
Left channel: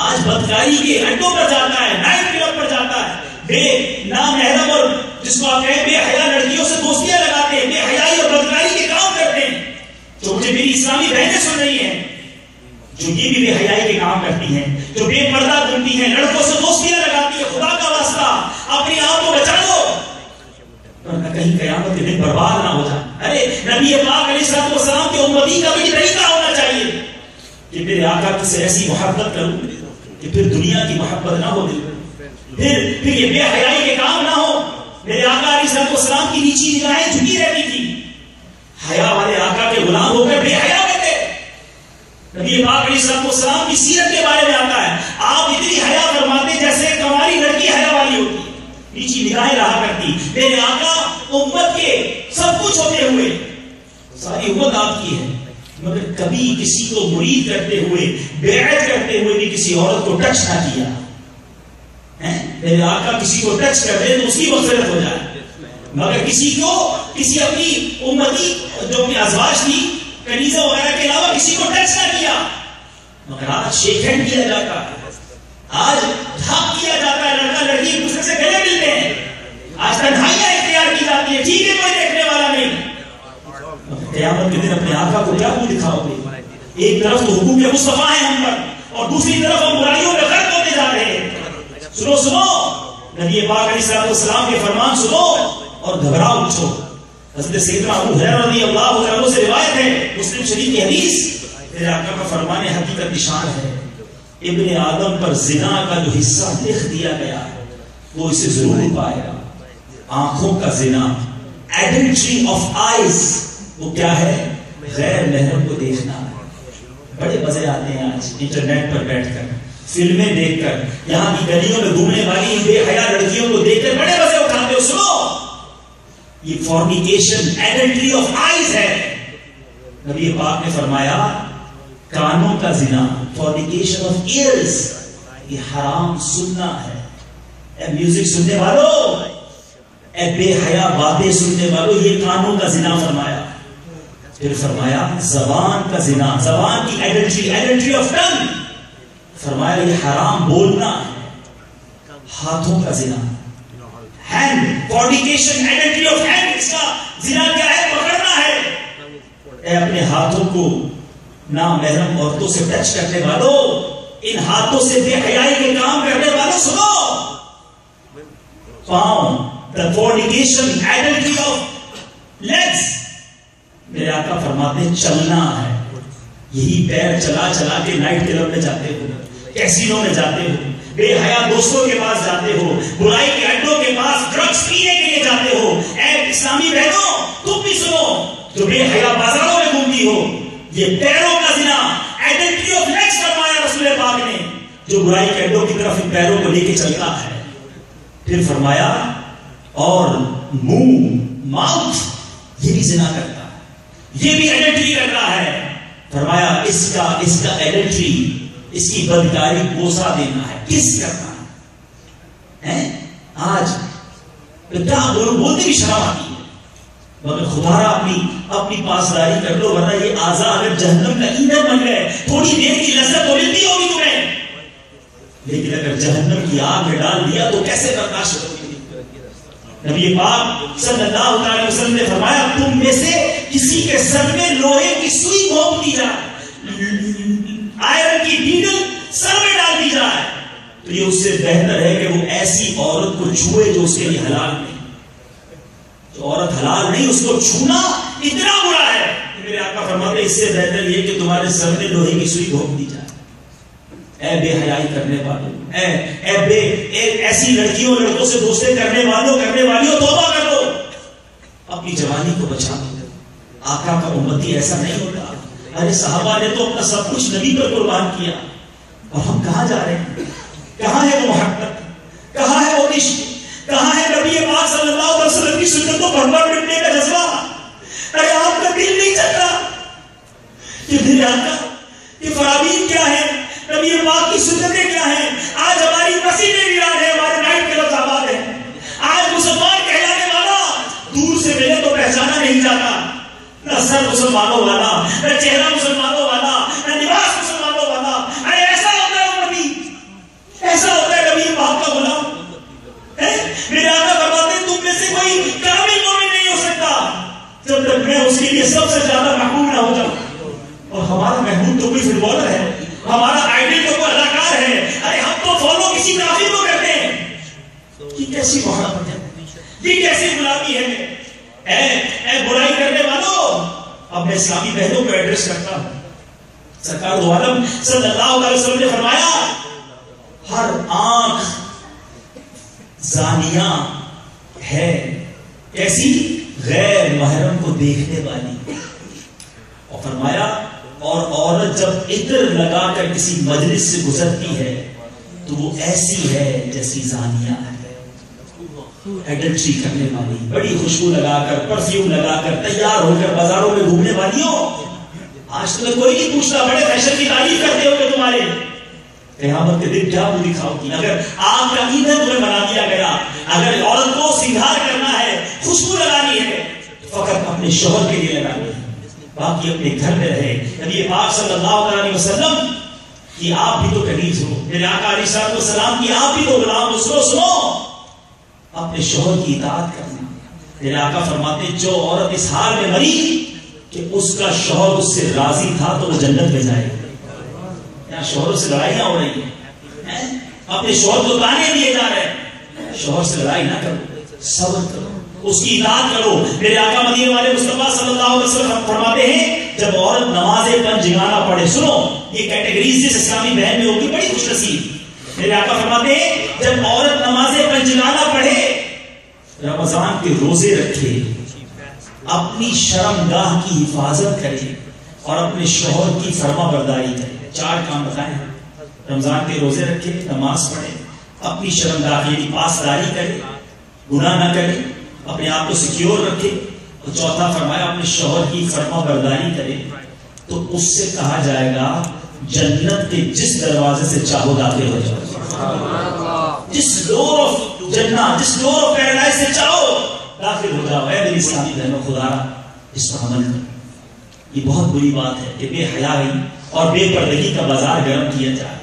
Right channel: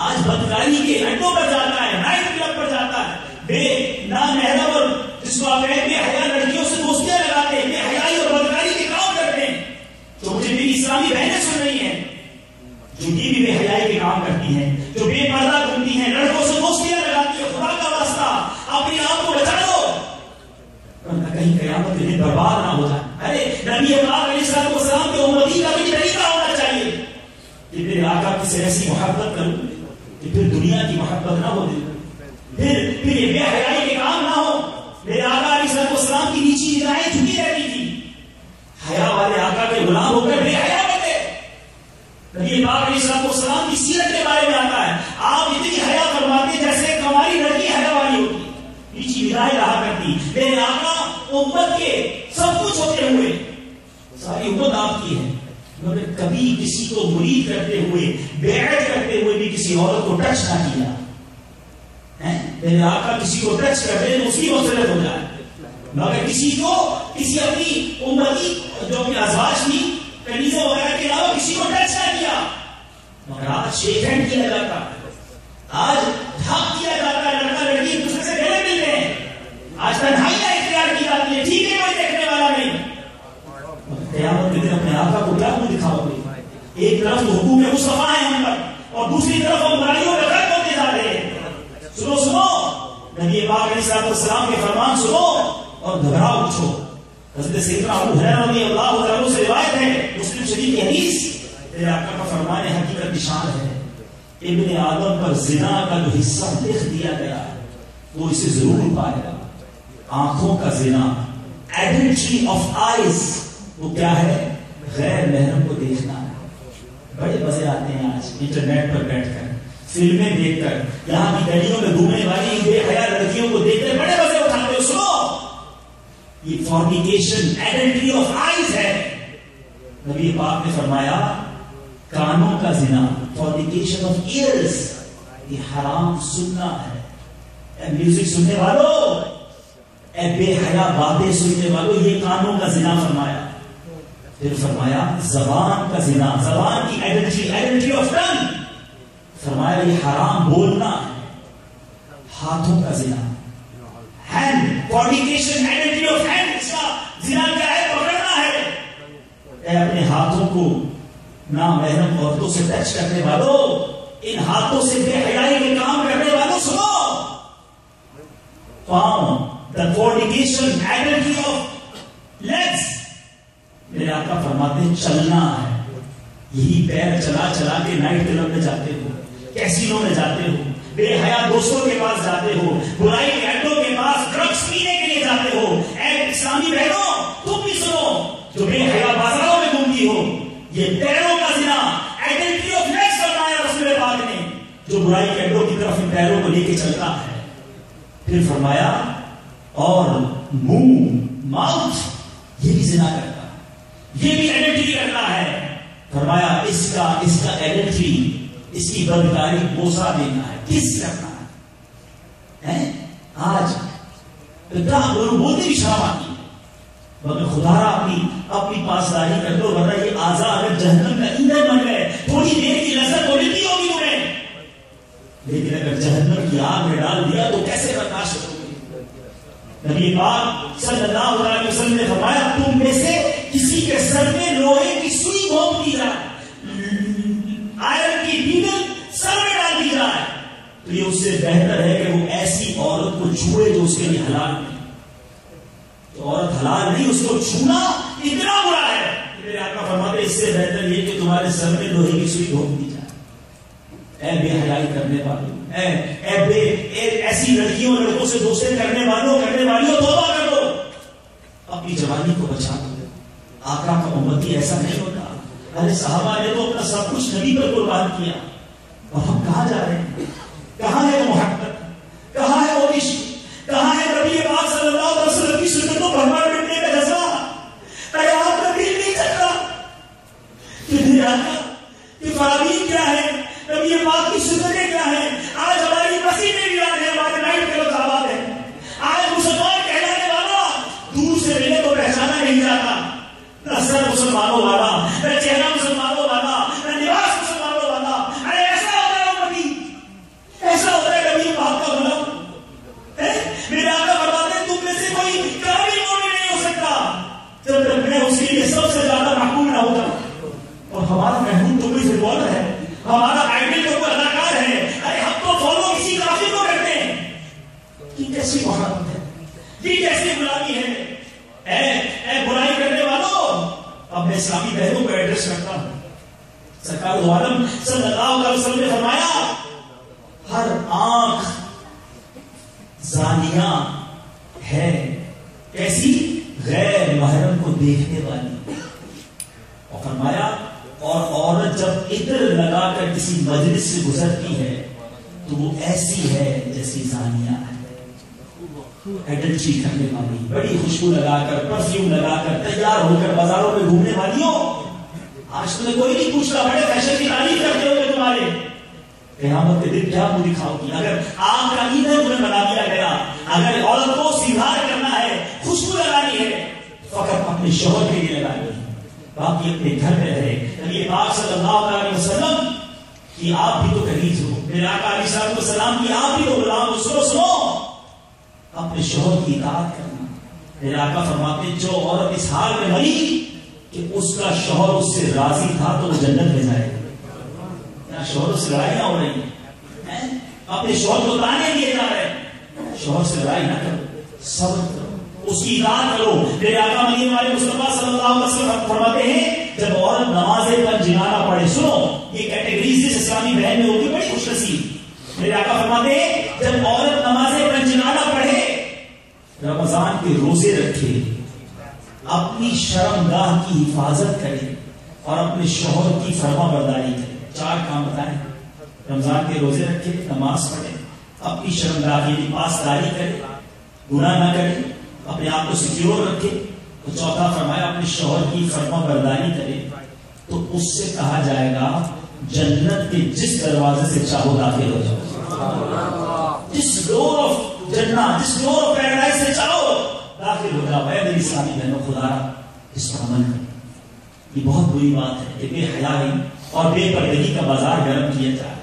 آج بدکاری کے اڈوں پر جاتا ہے، نائٹ کلب پر جاتا ہے، بے نامحرم اور جس کو آپ کہیں بے حیا لڑکیوں سے دوستیاں لگاتے ہیں، بے حیائی اور بدکاری کے کام کرتے ہیں. جو مجھے میری اسلامی بہنیں سن رہی ہیں، جو یہ بھی بے حیائی کے کام کرتی ہیں، جو بے پردہ گھومتی ہیں، لڑکوں سے دوستیاں لگاتی ہیں، خدا کا واسطہ اپنے آپ کو بچا لو ورنہ کہیں قیامت کے دن برباد نہ ہو جائے. ارے نبی پاک علیہ السلام کے امتی کا بھی طریقہ ہونا چاہیے کہ میرے آقا سے ایسی محبت کروں کہ پھر دنیا کی محبت نہ ہو، پھر یہ بے حیائی کے کام نہ ہو. میرے آقا علیہ السلام کی نیچی نگاہیں جھکی رہتی تھی، حیا والے آقا کے غلام ہو کر بے حیا بن گئے. نبی پاک علیہ السلام کی سیرت کے بارے میں آتا ہے، آپ اتنی حیا فرماتے جیسے ایک ہماری لڑکی حیا والی ہوتی، نیچی نگاہیں رہا کرتی. میرے آقا امت کے سب کچھ ہوتے ہوئے، ساری امت آپ کی ہے، مگر کبھی کسی کو مرید کرتے ہوئے، بیعت کرتے ہوئے بھی کسی عورت کو ٹچ نہ کیا. میرے آقا کسی کو ٹچ کر دے تو اس کی مغفرت ہو جائے، مگر کسی اپنی امتی جو اپنی ازواج تھی، کنیزہ وغیرہ کے علاوہ کسی کو ٹچ نہ کیا. مگر آج شیک ہینڈ کیا جاتا ہے، آج ڈھاک کیا جاتا ہے، لڑکا لڑکی ایک دوسرے سے گلے ملتے ہیں، آج تنہائیاں اختیار کی جاتی ہے، ٹھیک ہے کوئی دیکھنے والا نہیں. قیامت کے دن اپنے آقا کو کیا منہ دکھاؤ گے؟ ایک طرف تو حقوق مصطفیٰ ہے ہم پر، اور دوسری طرف ہم برائیوں میں غرق ہوتے جا رہے ہیں. سنو نبی پاک علیہ السلام کے فرمان سنو اور گھبراؤ اٹھو. حضرت سیدنا ابو ہریرہ رضی اللہ عنہ سے روایت ہے، مسلم شریف کی حدیث، میرے آقا کا فرمان حقیقت نشان ہے، ابن آدم پر زنا کا جو حصہ لکھ دیا گیا ہے وہ اسے ضرور پائے گا. آنکھوں کا زنا، ایڈلٹری آف آئیز، وہ کیا ہے؟ غیر محرم کو دیکھنا. بڑے مزے آتے ہیں آج انٹرنیٹ پر بیٹھ کر، فلمیں دیکھ کر، یہاں کی گلیوں میں گھومنے والی بے حیا لڑکیوں کو دیکھ کر بڑے مزے اٹھاتے ہو. سنو، یہ فورنیکیشن، ایڈلٹری آف آئیز ہے. نبی پاک نے فرمایا کانوں کا زنا، فورنیکیشن آف ایئرز، یہ حرام سننا ہے. اے میوزک سننے والوں، اے بے حیا باتیں سننے والوں، یہ کانوں کا زنا فرمایا. پھر فرمایا زبان کا زنا، زبان کی ایڈلٹری آف ٹنگ. فرمایا یہ حرام بولنا ہے. ہاتھوں کا زنا، ہینڈ فورنیکیشن، ایڈلٹری آف ہینڈ. اس کا زنا کیا ہے؟ پکڑنا ہے. اے اپنے ہاتھوں کو نامحرم عورتوں سے ٹچ کرنے والوں، ان ہاتھوں سے بے حیائی کے کام کرنے والوں سنو. پاؤں، the fornication, adultery of legs. میرے آقا فرماتے ہیں چلنا ہے. یہی پیر چلا چلا کے نائٹ کلب میں جاتے ہو، کیسینو میں جاتے ہو، بے حیا دوستوں کے پاس جاتے ہو، برائی کے اڈوں کے پاس ڈرگز پینے کے لیے جاتے ہو. اے اسلامی بہنوں تم بھی سنو، جو بے حیا بازاروں میں گھومتی ہو، یہ پیروں کا زنا، ایڈلٹری آف لیگز فرمایا رسول پاک نے، جو برائی کے اڈوں کی طرف ان پیروں کو لے کے چلتا ہے. پھر فرمایا اور منہ، ماؤتھ، یہ بھی زنا کرتا ہے، یہ بھی ایڈلٹری کرتا ہے. فرمایا اس کا ایڈلٹری، اس کی بدکاری بوسہ دینا ہے، کس کرنا ہے. آج بولتے بھی شرم آتی ہے، مگر خدا را اپنی پاسداری کر لو، ورنہ یہ اعضاء اگر جہنم کا ایندھن بن گئے، تھوڑی دیر کی لذت تو ملتی ہوگی تمہیں، لیکن اگر جہنم کی آگ میں ڈال دیا تو کیسے برداشت ہوگی. نبی پاک صلی اللہ علیہ وسلم نے فرمایا تم میں سے کسی کے سر میں لوہے کی سوئی گھونپ دی جائے، آئرن کی نیڈل سر میں ڈال دی جائے، تو یہ اس سے بہتر ہے کہ وہ ایسی عورت کو چھوئے جو اس کے لیے حلال نہیں. تو عورت حلال نہیں، اس کو چھونا اتنا برا ہے. میرے آقا فرماتے ہیں اس سے بہتر یہ کہ تمہارے سر میں لوہے کی سوئی گھونپ دی جائے. اے بے حیائی کرنے والوں، ایسی لڑکیوں لڑکوں سے دوستے کرنے والیوں توبہ کر دو. اپنی جوانی کو بچا دو. آقا کا امتی ایسا نہیں ہوتا. ارے صحابہ نے تو اپنا سب کچھ نبی پر قربان کیا، اور ہم کہاں جا رہے ہیں؟ کہاں ہے وہ محبت؟ کہاں ہے وہ عشق؟ کہاں ہے نبی پاک صلی اللہ علیہ وسلم کی سنتوں پر عمل کرنے کا جذبہ؟ ارے آپ کا دل نہیں چلتا کہ دل آقا کہ فرامین کیا ہے، نبی پاک کی سنتیں کیا ہیں؟ آج ہماری مسجدیں ویران ہیں، ہمارے نائٹ کلب آباد ہیں. آج مسلمان کہلانے والا دور سے ملے تو پہچانا نہیں جاتا، نہ سر مسلمانوں والا، نہ چہرہ مسلمانوں والا، نہ لباس مسلمانوں والا. ارے ایسا ہوتا ہے نبی، ایسا ہوتا ہے نبی پاک کا غلام. میرے آقا فرماتے ہیں تم میں سے کوئی کامل مومن نہیں ہو سکتا جب تک میں اس کے لیے سب سے زیادہ محبوب نہ ہو جاؤں. اور ہمارا محبوب تو کوئی فٹ بالر ہے، ہمارا آئیڈل تو کوئی اداکار ہے. ارے ہم تو فالو کسی کافر کو کرتے ہیں. یہ کیسی محبت ہے، یہ کیسی غلامی ہے. اے برائی کرنے والوں، اب میں اسلامی بہنوں کو ایڈریس کرتا ہوں. سرکار دو عالم صلی اللہ علیہ وسلم نے فرمایا ہر آنکھ زانیہ ہے، ایسی غیر محرم کو دیکھنے والی. اور فرمایا اور عورت جب عطر لگا کر کسی مجلس سے گزرتی ہے تو وہ ایسی ہے جیسی زانیہ ہے، ایڈلٹری کرنے والی. بڑی خوشبو لگا کر، پرفیوم لگا کر تیار ہو کر بازاروں میں گھومنے والی ہو. آج تمہیں کوئی نہیں پوچھتا، بڑے فیشن کی تعریف کرتے ہو کہ تمہارے قیامت کے دن کیا منہ دکھاؤ گی. اگر آپ کا ایندھن تمہیں بنا دیا گیا، اگر عورت کو سنگھار کرنا ہے، خوشبو لگانی ہے، فقط اپنے شوہر کے لیے لگانی ہے، باقی اپنے گھر میں رہے. نبی پاک صلی اللہ علیہ وسلم کہ آپ بھی تو کنیز ہو، میرے آقا علیہ السلام کی آپ بھی تو غلام ہو. سنو اپنے شوہر کی اطاعت کرنا. میرے آقا فرماتے جو عورت اس حال میں مری کہ اس کا شوہر اس سے راضی تھا تو وہ جنت میں جائے گا. یہاں شوہر سے لڑائیاں ہو رہی ہیں، اپنے شوہر کو تانے دیے جا رہے ہیں. شوہر سے لڑائی نہ کرو، صبر کرو، اس کی اطاعت کرو. میرے آقا مدینے والے مصطفیٰ صلی اللہ علیہ وسلم فرماتے ہیں جب عورت نماز پنجگانہ پڑھے، سنو یہ کیٹیگریز جس اسلامی بہن میں ہوگی بڑی خوش نصیب. میرے آقا فرماتے ہیں جب عورت نماز پنجگانہ پڑھے، رمضان کے روزے رکھے، اپنی شرمگاہ کی حفاظت کرے اور اپنے شوہر کی فرما برداری کرے. 4 کام بتائیں. رمضان کے روزے رکھے، نماز پڑھے، اپنی شرمگاہ کی پاسداری کرے، گناہ نہ کرے، اپنے آپ کو سیکیور رکھے، اور چوتھا فرمایا اپنے شوہر کی فرما برداری کرے. تو اس سے کہا جائے گا جنت کے جس دروازے سے چاہو داخل ہو جاؤ. جس ڈور آف جنت، جس ڈور آف پیراڈائز سے چاہو داخل ہو جاؤ. اے میری اسلامی بہنوں، خدا اس پر عمل کرو. یہ بہت بری بات ہے کہ بے حیائی اور بے پردگی کا بازار گرم کیا جائے.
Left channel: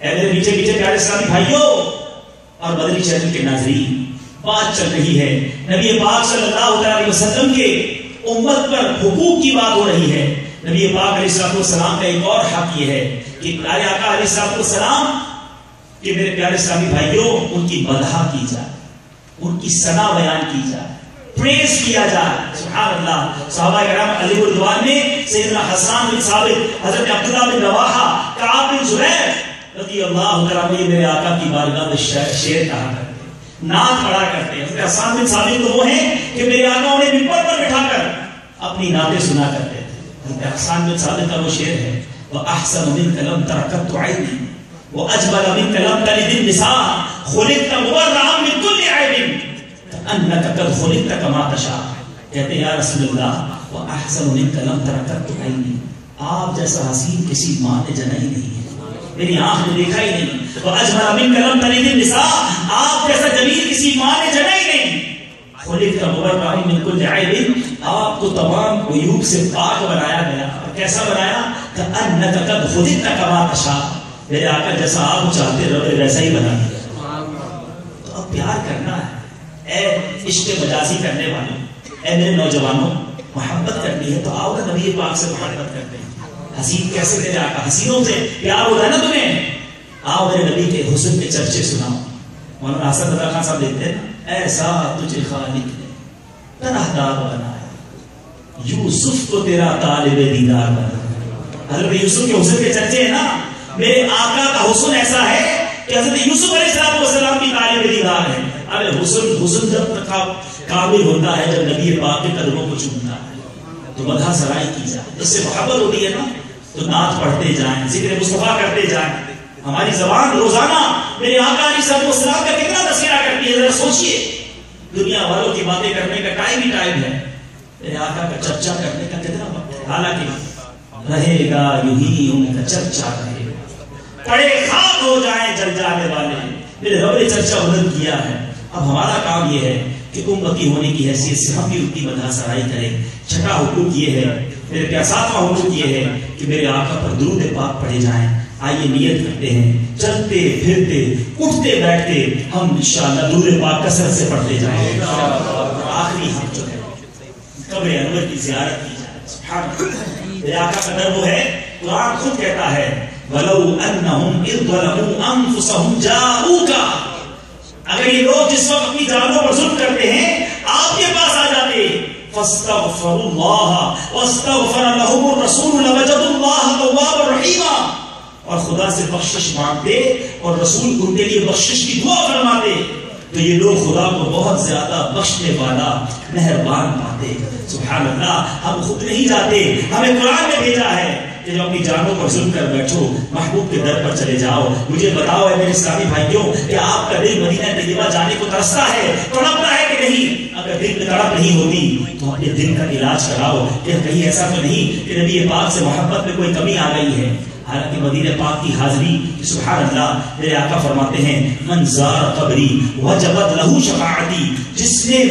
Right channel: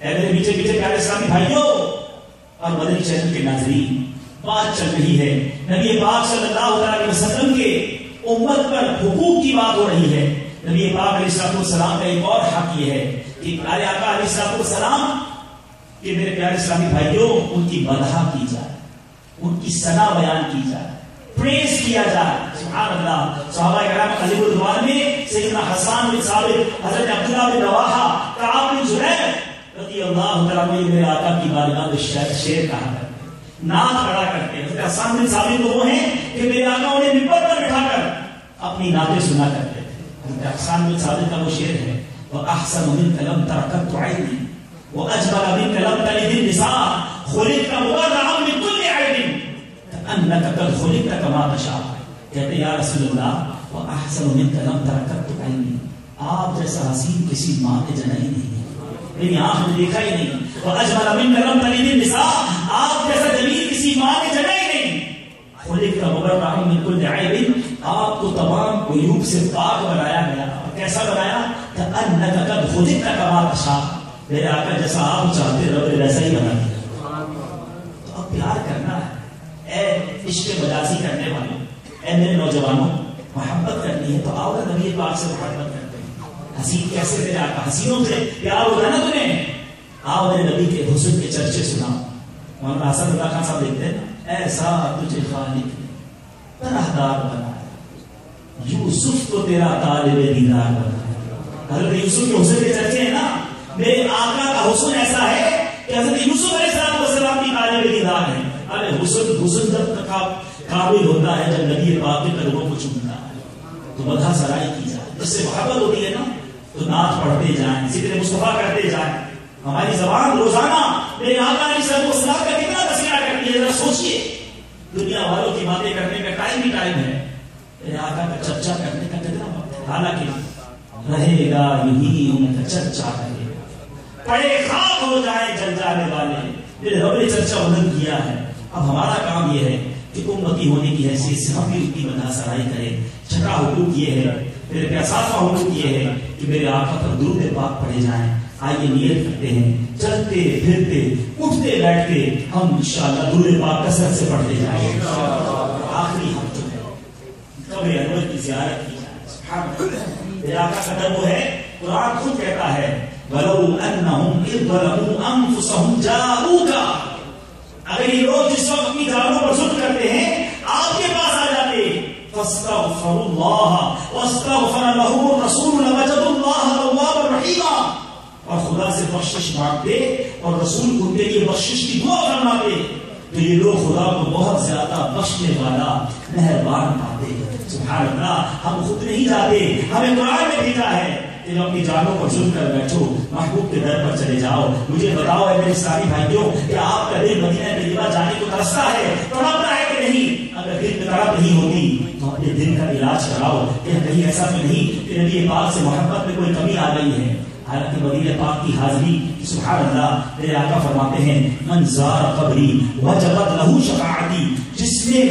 اے میرے میٹھے میٹھے پیارے اسلامی بھائیوں اور مدنی چینل کے ناظرین، بات چل رہی ہے نبی پاک صلی اللہ علیہ وسلم کے امت پر حقوق کی بات ہو رہی ہے. نبی پاک علیہ السلام کا ایک اور حق یہ ہے کہ پیارے آقا علیہ السلام کہ میرے پیارے اسلامی بھائیوں ان کی مدح کی جائے، ان کی ثنا بیان کی جائے، پریز کیا جائے. سبحان اللہ. صحابہ کرام علی رضوان نے سیدنا حسان بن ثابت، حضرت عبداللہ بن رواحہ، کعب بن زبیر رضی اللہ تعالیٰ عنہ میرے آقا کی بارگاہ میں شعر کہا کرتے ہیں، نعت پڑھا کرتے ہیں. حضرت حسان بن ثابت تو وہ ہیں کہ میرے آقا انہیں منبر پر بٹھا کر اپنی نعتیں سنا کرتے تھے. حضرت حسان بن ثابت کا وہ شعر ہے، وَأَحْسَنُ مِنْكَ لَمْ تَرْكَبْتُ عَيْنِي وَأَجْمَلَ مِنْكَ لَمْ تَلِدِ النِّسَاءُ خُلِقْتَ مُبَرَّأً مِنْ كُلِّ عَيْبٍ كَأَنَّكَ قَدْ خُلِقْتَ كَمَا تَشَاءُ. کہتے ہیں یا رسول اللہ وَأَحْسَنُ مِنْكَ لَمْ تَرْكَبْتُ عَيْنِي، آپ جیسا حسین کسی ماں نے جنا ہی نہیں ہے، میری آنکھ نے دیکھا ہی نہیں. وَأَجْمَلَ مِنْكَ لَمْ تَلِدِ النِّسَاءُ، آپ جیسا جمیل کسی ماں نے جنا ہی نہیں. خُلِقْتَ مُبَرَّأً مِنْ كُلِّ عَيْبٍ، آپ کو تمام عیوب سے پاک بنایا گیا. کیسا بنایا؟ كَأَنَّكَ قَدْ خُلِقْتَ كَمَا تَشَاءُ، میرے آقا جیسا آپ چاہتے رہو ویسا ہی بنا دیا. تو اب پیار کرنا ہے. اے عشق مجازی کرنے والوں، اے میرے نوجوانوں، محبت کرنی ہے تو آؤ نا نبی پاک سے محبت کرتے ہیں. حسین کیسے میرے آقا، حسینوں سے پیار ہوتا ہے نا تمہیں، آؤ میرے نبی کے حسن کے چرچے سناؤ. مولانا حسن رضا خان صاحب لکھتے ہیں نا، ایسا تجھے خالق نے طرحدار بنایا، یوسف کو تیرا طالب دیدار بنایا. حضرت یوسف کے حسن کے چرچے ہیں نا، میرے آقا کا حسن ایسا ہے کہ حضرت یوسف علیہ السلام کی طالب دیدار ہے. ارے حسن جب تک قابل ہوتا ہے جب نبی پاک کے قدموں کو چومتا ہے تو مدح سرائی کی جائے. اس سے محبت ہوتی ہے نا تو نعت پڑھتے جائیں، ذکر مصطفیٰ کرتے جائیں. ہماری زبان روزانہ میرے آقا علیہ السلام کا کتنا تذکرہ کرتی ہے، ذرا سوچئے. دنیا والوں کی باتیں کرنے کا ٹائم ہی ٹائم ہے، میرے آقا کا چرچا کرنے کا کتنا وقت ہے. حالانکہ رہے گا یہی ان کا چرچا رہے گا، پڑے خاک ہو جائیں جل جانے والے، میرے رب نے چرچا بلند کیا ہے. اب ہمارا کام یہ ہے کہ امتی ہونے کی حیثیت سے ہم بھی ان کی مدح سرائی کریں. چھٹا حقوق یہ ہے، میرے پیاسافہ حقوق یہ ہے کہ میرے آقا پر درود پاک پڑھے جائیں. آئیے نیت کرتے ہیں، چلتے پھرتے اٹھتے بیٹھتے ہم انشاءاللہ درود پاک کثرت سے پڑھتے جائیں گے. آخری ہم جو ہے قبر انور کی زیارت کی جائے. سبحان اللہ. میرے آقا کا در وہ ہے، قرآن خود کہتا ہے وَلَوْ أَنَّهُمْ إِذْ ظَلَمُوا أَنفُسَهُمْ جَاءُوكَ، اگر یہ لوگ جس وقت اپنی جانوں پر ظلم کرتے ہیں آپ کے پاس آ جاتے فَاسْتَغْفَرُوا اللَّهَ وَاسْتَغْفَرَ لَهُمُ الرَّسُولُ لَوَجَدُوا اللَّهَ تَوَّابًا رَحِيمًا، اور خدا سے بخشش مانگتے اور رسول ان کے لیے بخشش کی دعا فرماتے تو یہ لوگ خدا کو بہت زیادہ بخشنے والا مہربان پاتے. سبحان اللہ. ہم خود نہیں جاتے، ہمیں قرآن میں بھیجا ہے کہ جب اپنی جانوں پر ظلم کر بیٹھو محبوب کے در پر چلے جاؤ. مجھے بتاؤ اے میرے اسلامی بھائیوں کہ آپ کا دل مدینہ طیبہ جانے کو ترستا ہے، تڑپتا ہے کہ نہیں؟ اگر دل میں تڑپ نہیں ہوتی تو اپنے دل کا علاج کراؤ کہ کہیں ایسا تو نہیں کہ نبی پاک سے محبت میں کوئی کمی آ گئی ہے. حالانکہ مدینہ پاک کی حاضری، سبحان اللہ، میرے آقا فرماتے ہیں من زار قبری وجبت لہو شفاعتی، جس نے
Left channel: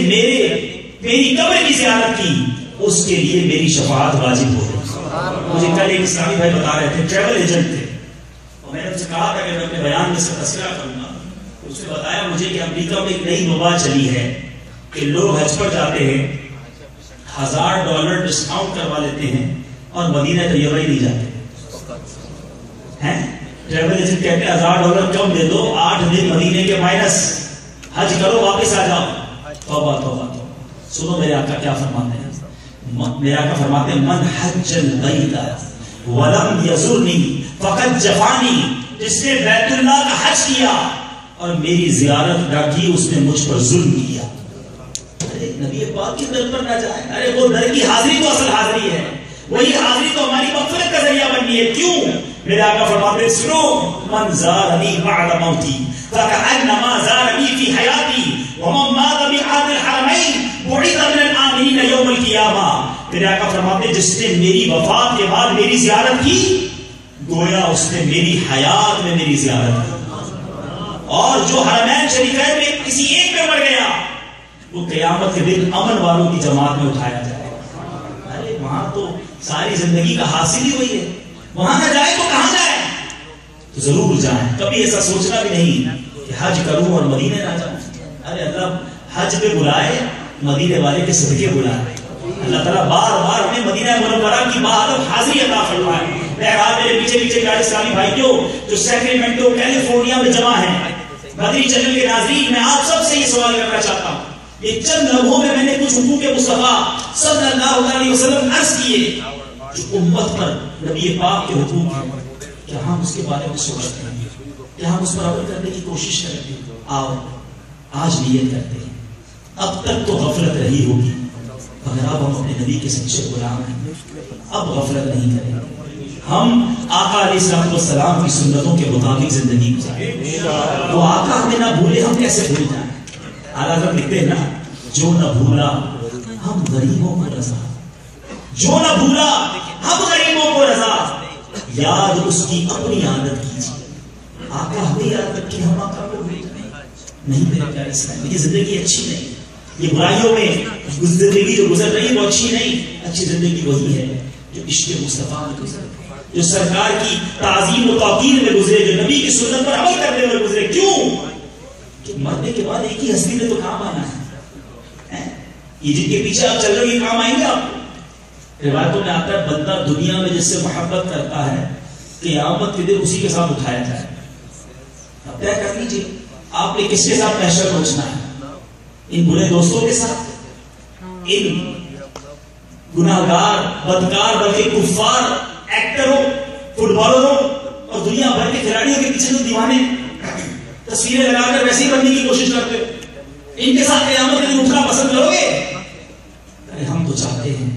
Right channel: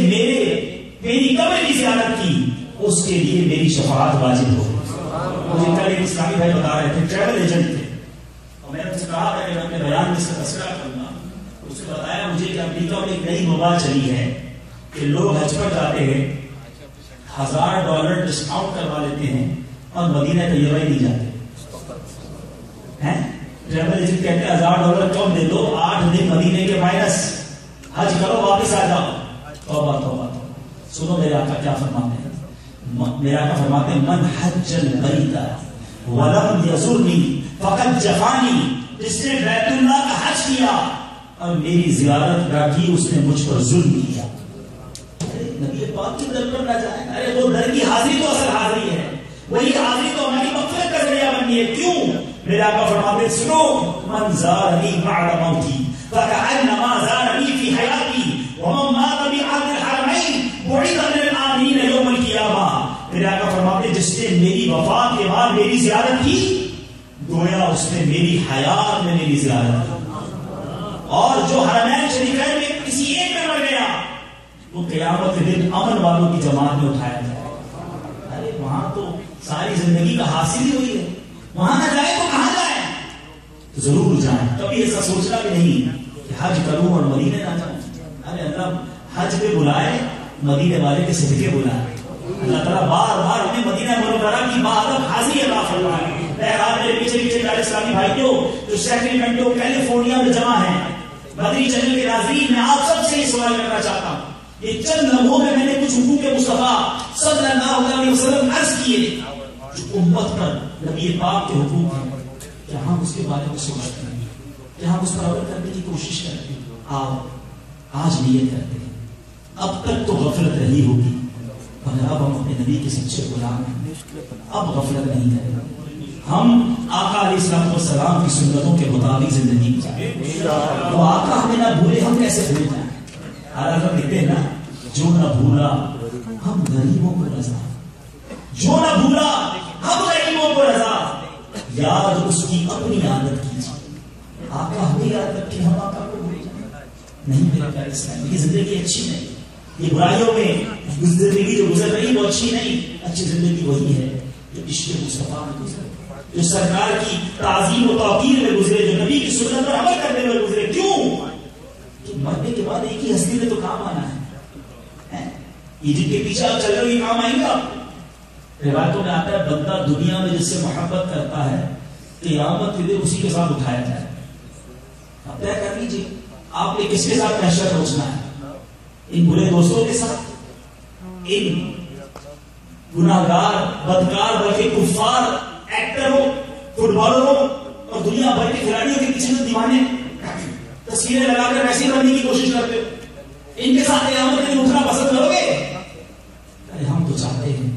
میری قبر کی زیارت کی اس کے لیے میری شفاعت واجب ہو گئی. مجھے کل ایک اسلامی بھائی بتا رہے تھے، ٹریول ایجنٹ تھے، اور میں نے ان سے کہا کہ میں اپنے بیان میں سے تذکرہ کروں گا. اس نے بتایا مجھے کہ امریکہ میں ایک نئی وبا چلی ہے کہ لوگ حج پر جاتے ہیں $1000 ڈسکاؤنٹ کروا لیتے ہیں اور مدینہ طیبہ ہی نہیں جاتے ہیں. ٹریول ایجنٹ کہتے ہیں $1000 کم دے دو، 8 دن مدینے کے مائنس، حج کرو واپس آ جاؤ. توبہ توبہ. سنو میرے آقا کیا فرماتے ہیں. میرے آقا فرماتے ہیں من حج البیت ولم یزرنی فقد جفانی، جس نے بیت اللہ کا حج کیا اور میری زیارت نہ کی اس نے مجھ پر ظلم کیا. نبی پاک کی در پر نہ جائیں. ارے وہ در کی حاضری تو اصل حاضری ہے، وہی حاضری تو ہماری مغفرت کا ذریعہ بنی ہے. کیوں؟ میرے آقا فرماتے ہیں سنو من زارنی بعد موتی فکأنما زارنی فی حیاتی ومن مات بأحد الحرمین بعث من الآمنین یوم القیامہ. میرے آقا فرماتے ہیں جس نے میری وفات کے بعد میری زیارت کی گویا اس نے میری حیات میں میری زیارت کی. اور جو حرمین شریفین میں کسی ایک میں مر گیا وہ قیامت کے دن امن والوں کی جماعت میں اٹھایا جائے گا. ارے وہاں تو ساری زندگی کا حاصل ہی ہوئی ہے, وہاں نہ جائے تو کہاں جائے؟ تو ضرور جائیں. کبھی ایسا سوچنا بھی نہیں کہ حج کروں اور مدینے نہ جاؤں. ارے اللہ حج پہ بلائے, مدینے والے کے صدقے بلائے. اللہ تعالیٰ بار بار ہمیں مدینہ منورہ کی بہادر حاضری عطا فرمائے. میرے پیچھے پیچھے پیارے اسلامی بھائیوں جو سیکریمنٹو کیلیفورنیا میں جمع ہیں, مدنی چینل کے ناظرین, میں آپ سب سے یہ سوال کرنا چاہتا ہوں. یہ چند لمحوں میں نے کچھ حقوق مصطفیٰ صلی اللہ علیہ وسلم عرض کیے جو امت پر نبی پاک کے حقوق ہیں. کیا ہم اس کے بارے میں سوچتے ہیں؟ کیا ہم اس پر عمل کرنے کی کوشش کرتے ہیں؟ آؤ آج نیت کرتے ہیں. اب تک تو غفلت رہی ہوگی, مگر اب ہم اپنے نبی کے سچے غلام ہیں, اب غفلت نہیں کریں. ہم آقا علیہ السلام کی سنتوں کے مطابق زندگی گزاریں. وہ آقا ہمیں نہ بھولے, ہم کیسے بھول جائیں؟ حالانکہ لکھتے ہیں نا, جو نہ بھولا ہم غریبوں کو رضا, جو نہ بھولا ہم غریبوں کو رضا, یاد اس کی اپنی عادت کیجیے. آقا ہمیں یاد رکھے, ہم آقا کو بھول جائیں. نہیں میرے پیارے اسلام, یہ زندگی اچھی نہیں. یہ برائیوں میں زندگی جو گزر رہی ہے وہ اچھی نہیں. اچھی زندگی وہی ہے جو عشق مصطفیٰ میں گزر, جو سرکار کی تعظیم و توقیر میں گزرے, جو نبی کی سنت پر عمل کرنے میں گزرے. کیوں کہ مرنے کے بعد ایک ہی ہستی نے تو کام آنا ہے. یہ جن کے پیچھے آپ چل رہے ہیں کام آئیں گے آپ. روایتوں میں آتا ہے بندہ دنیا میں جس سے محبت کرتا ہے قیامت کے دن اسی کے ساتھ اٹھایا جائے. آپ طے کر لیجیے آپ نے کس کے ساتھ محشر پہنچنا ہے. ان برے دوستوں کے ساتھ, ان گناہگار بدکار بلکہ کفار ایکٹروں, فٹ بالروں اور دنیا بھر کے کھلاڑیوں کے پیچھے جو دیوانے تصویریں لگا کر ویسے کرنے کی کوشش کرتے, ان کے ساتھ قیامت کے دن اٹھنا پسند کرو گے؟ ہم تو چاہتے ہیں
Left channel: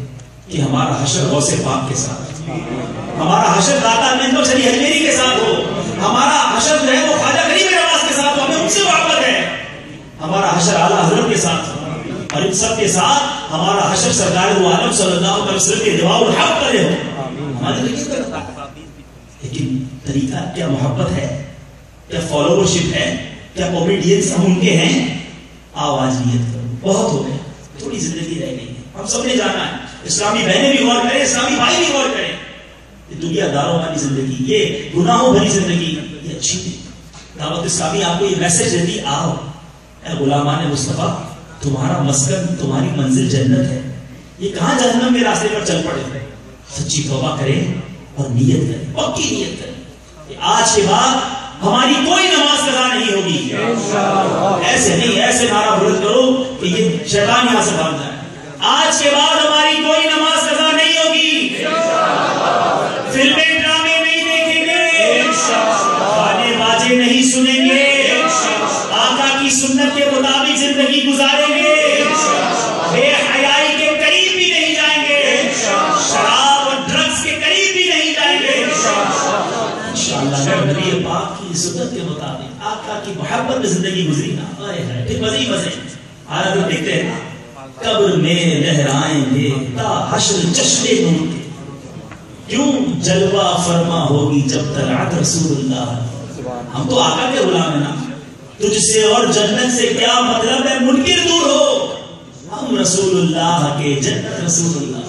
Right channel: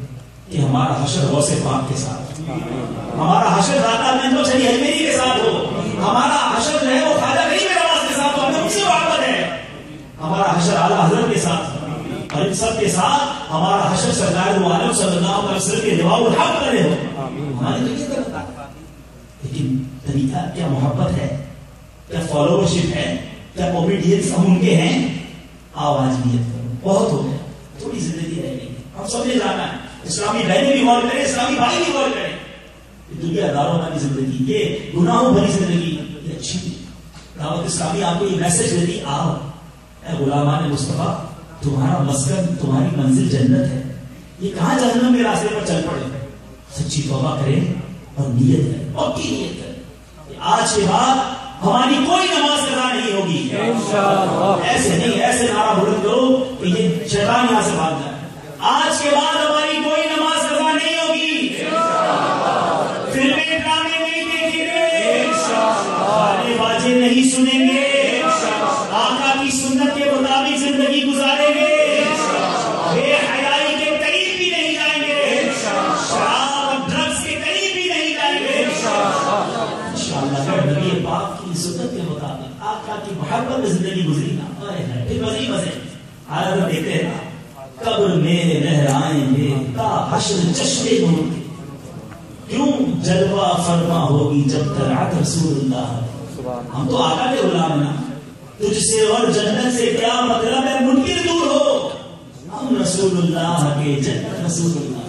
کہ ہمارا حشر غوث پاک کے ساتھ, ہمارا حشر داتا مینو شری حجمیری کے ساتھ ہو, ہمارا حشر جو ہے وہ خواجہ غریب نواز کے ساتھ ہو, ہمیں ان سے محبت ہے. ہمارا حشر اعلیٰ حضرت کے ساتھ ہو, اور ان سب کے ساتھ ہمارا حشر سرکار دو عالم صلی اللہ علیہ وسلم کے دعا الحق کرے ہو. ہمارے لیے کرتا, لیکن طریقہ کیا محبت ہے, کیا فالوورشپ ہے, کیا اوبیڈینس ہم ان کے ہیں؟ آواز نیت کرو, بہت ہو گیا, تھوڑی زندگی رہ گئی ہے, ہم سب نے جانا ہے. اسلامی بہنیں بھی غور کریں, اسلامی بھائی بھی غور کریں. دنیا داروں والی زندگی, یہ گناہوں بھری زندگی, یہ اچھی نہیں. دعوت اسلامی آپ کو یہ میسج دیتی, آؤ اے غلامان مصطفیٰ, تمہارا مسکن تمہاری منزل جنت ہے. یہ کہاں جہنم کے راستے پر چل پڑے. سچی توبہ کریں اور نیت کریں, پکی نیت کریں. آج کے بعد ہماری کوئی نماز قضا نہیں ہوگی. ایسے نہیں, ایسے نعرہ بلند کرو کہ یہ شیطان یہاں سے بھاگ جائے. آج کے بعد ہماری کوئی نماز قضا نہیں ہوگی. فلمیں ڈرامے نہیں دیکھیں گے, گانے باجے نہیں سنیں گے, آقا کی سنت کے مطابق زندگی گزاریں گے, بے حیائی کے قریب بھی نہیں جائیں گے, شراب اور ڈرگس کے قریب بھی نہیں جائیں گے. انشاءاللہ نبی پاک کی سنت کے مطابق آقا کی محبت میں زندگی گزری نا, پھر مزید مزے. حالت دیکھتے ہیں قبر میں لہرائیں گے تا حشر جشن نور کے, کیوں جلوہ فرما ہوگی جب طلعت رسول اللہ. ہم تو آقا کے غلام ہیں نا, تجھ سے اور جنت سے کیا مطلب ہے منکر دور ہو, ہم رسول اللہ کے جنت رسول اللہ.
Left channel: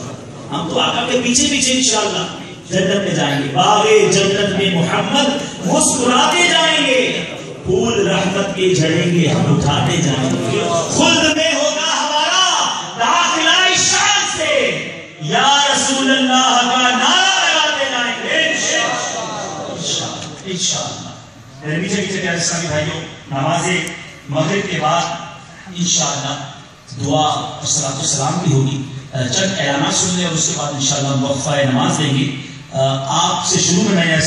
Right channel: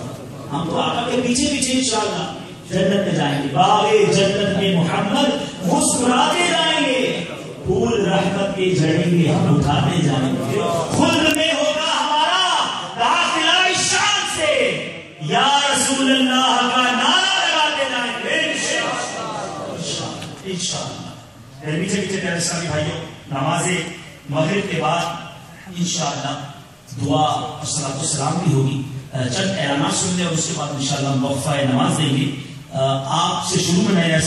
ہم تو آقا کے پیچھے پیچھے انشاءاللہ جنت میں جائیں گے. باغ جنت میں محمد مسکراتے جائیں گے, پھول رحمت کے جھڑیں گے ہم اٹھاتے جائیں گے. خلد میں ہوگا ہمارا داخلہ شان سے, یا رسول اللہ کا نعرہ لگاتے جائیں گے انشاءاللہ. میرے پیچھے پیچھے پیارے اسلامی بھائیوں, نماز مغرب کے بعد انشاءاللہ دعا اور صلاۃ السلام بھی ہوگی. چند اعلانات سن لیں اور اس کے بعد انشاءاللہ وقفہ نماز دیں گے. آپ سے شروع میں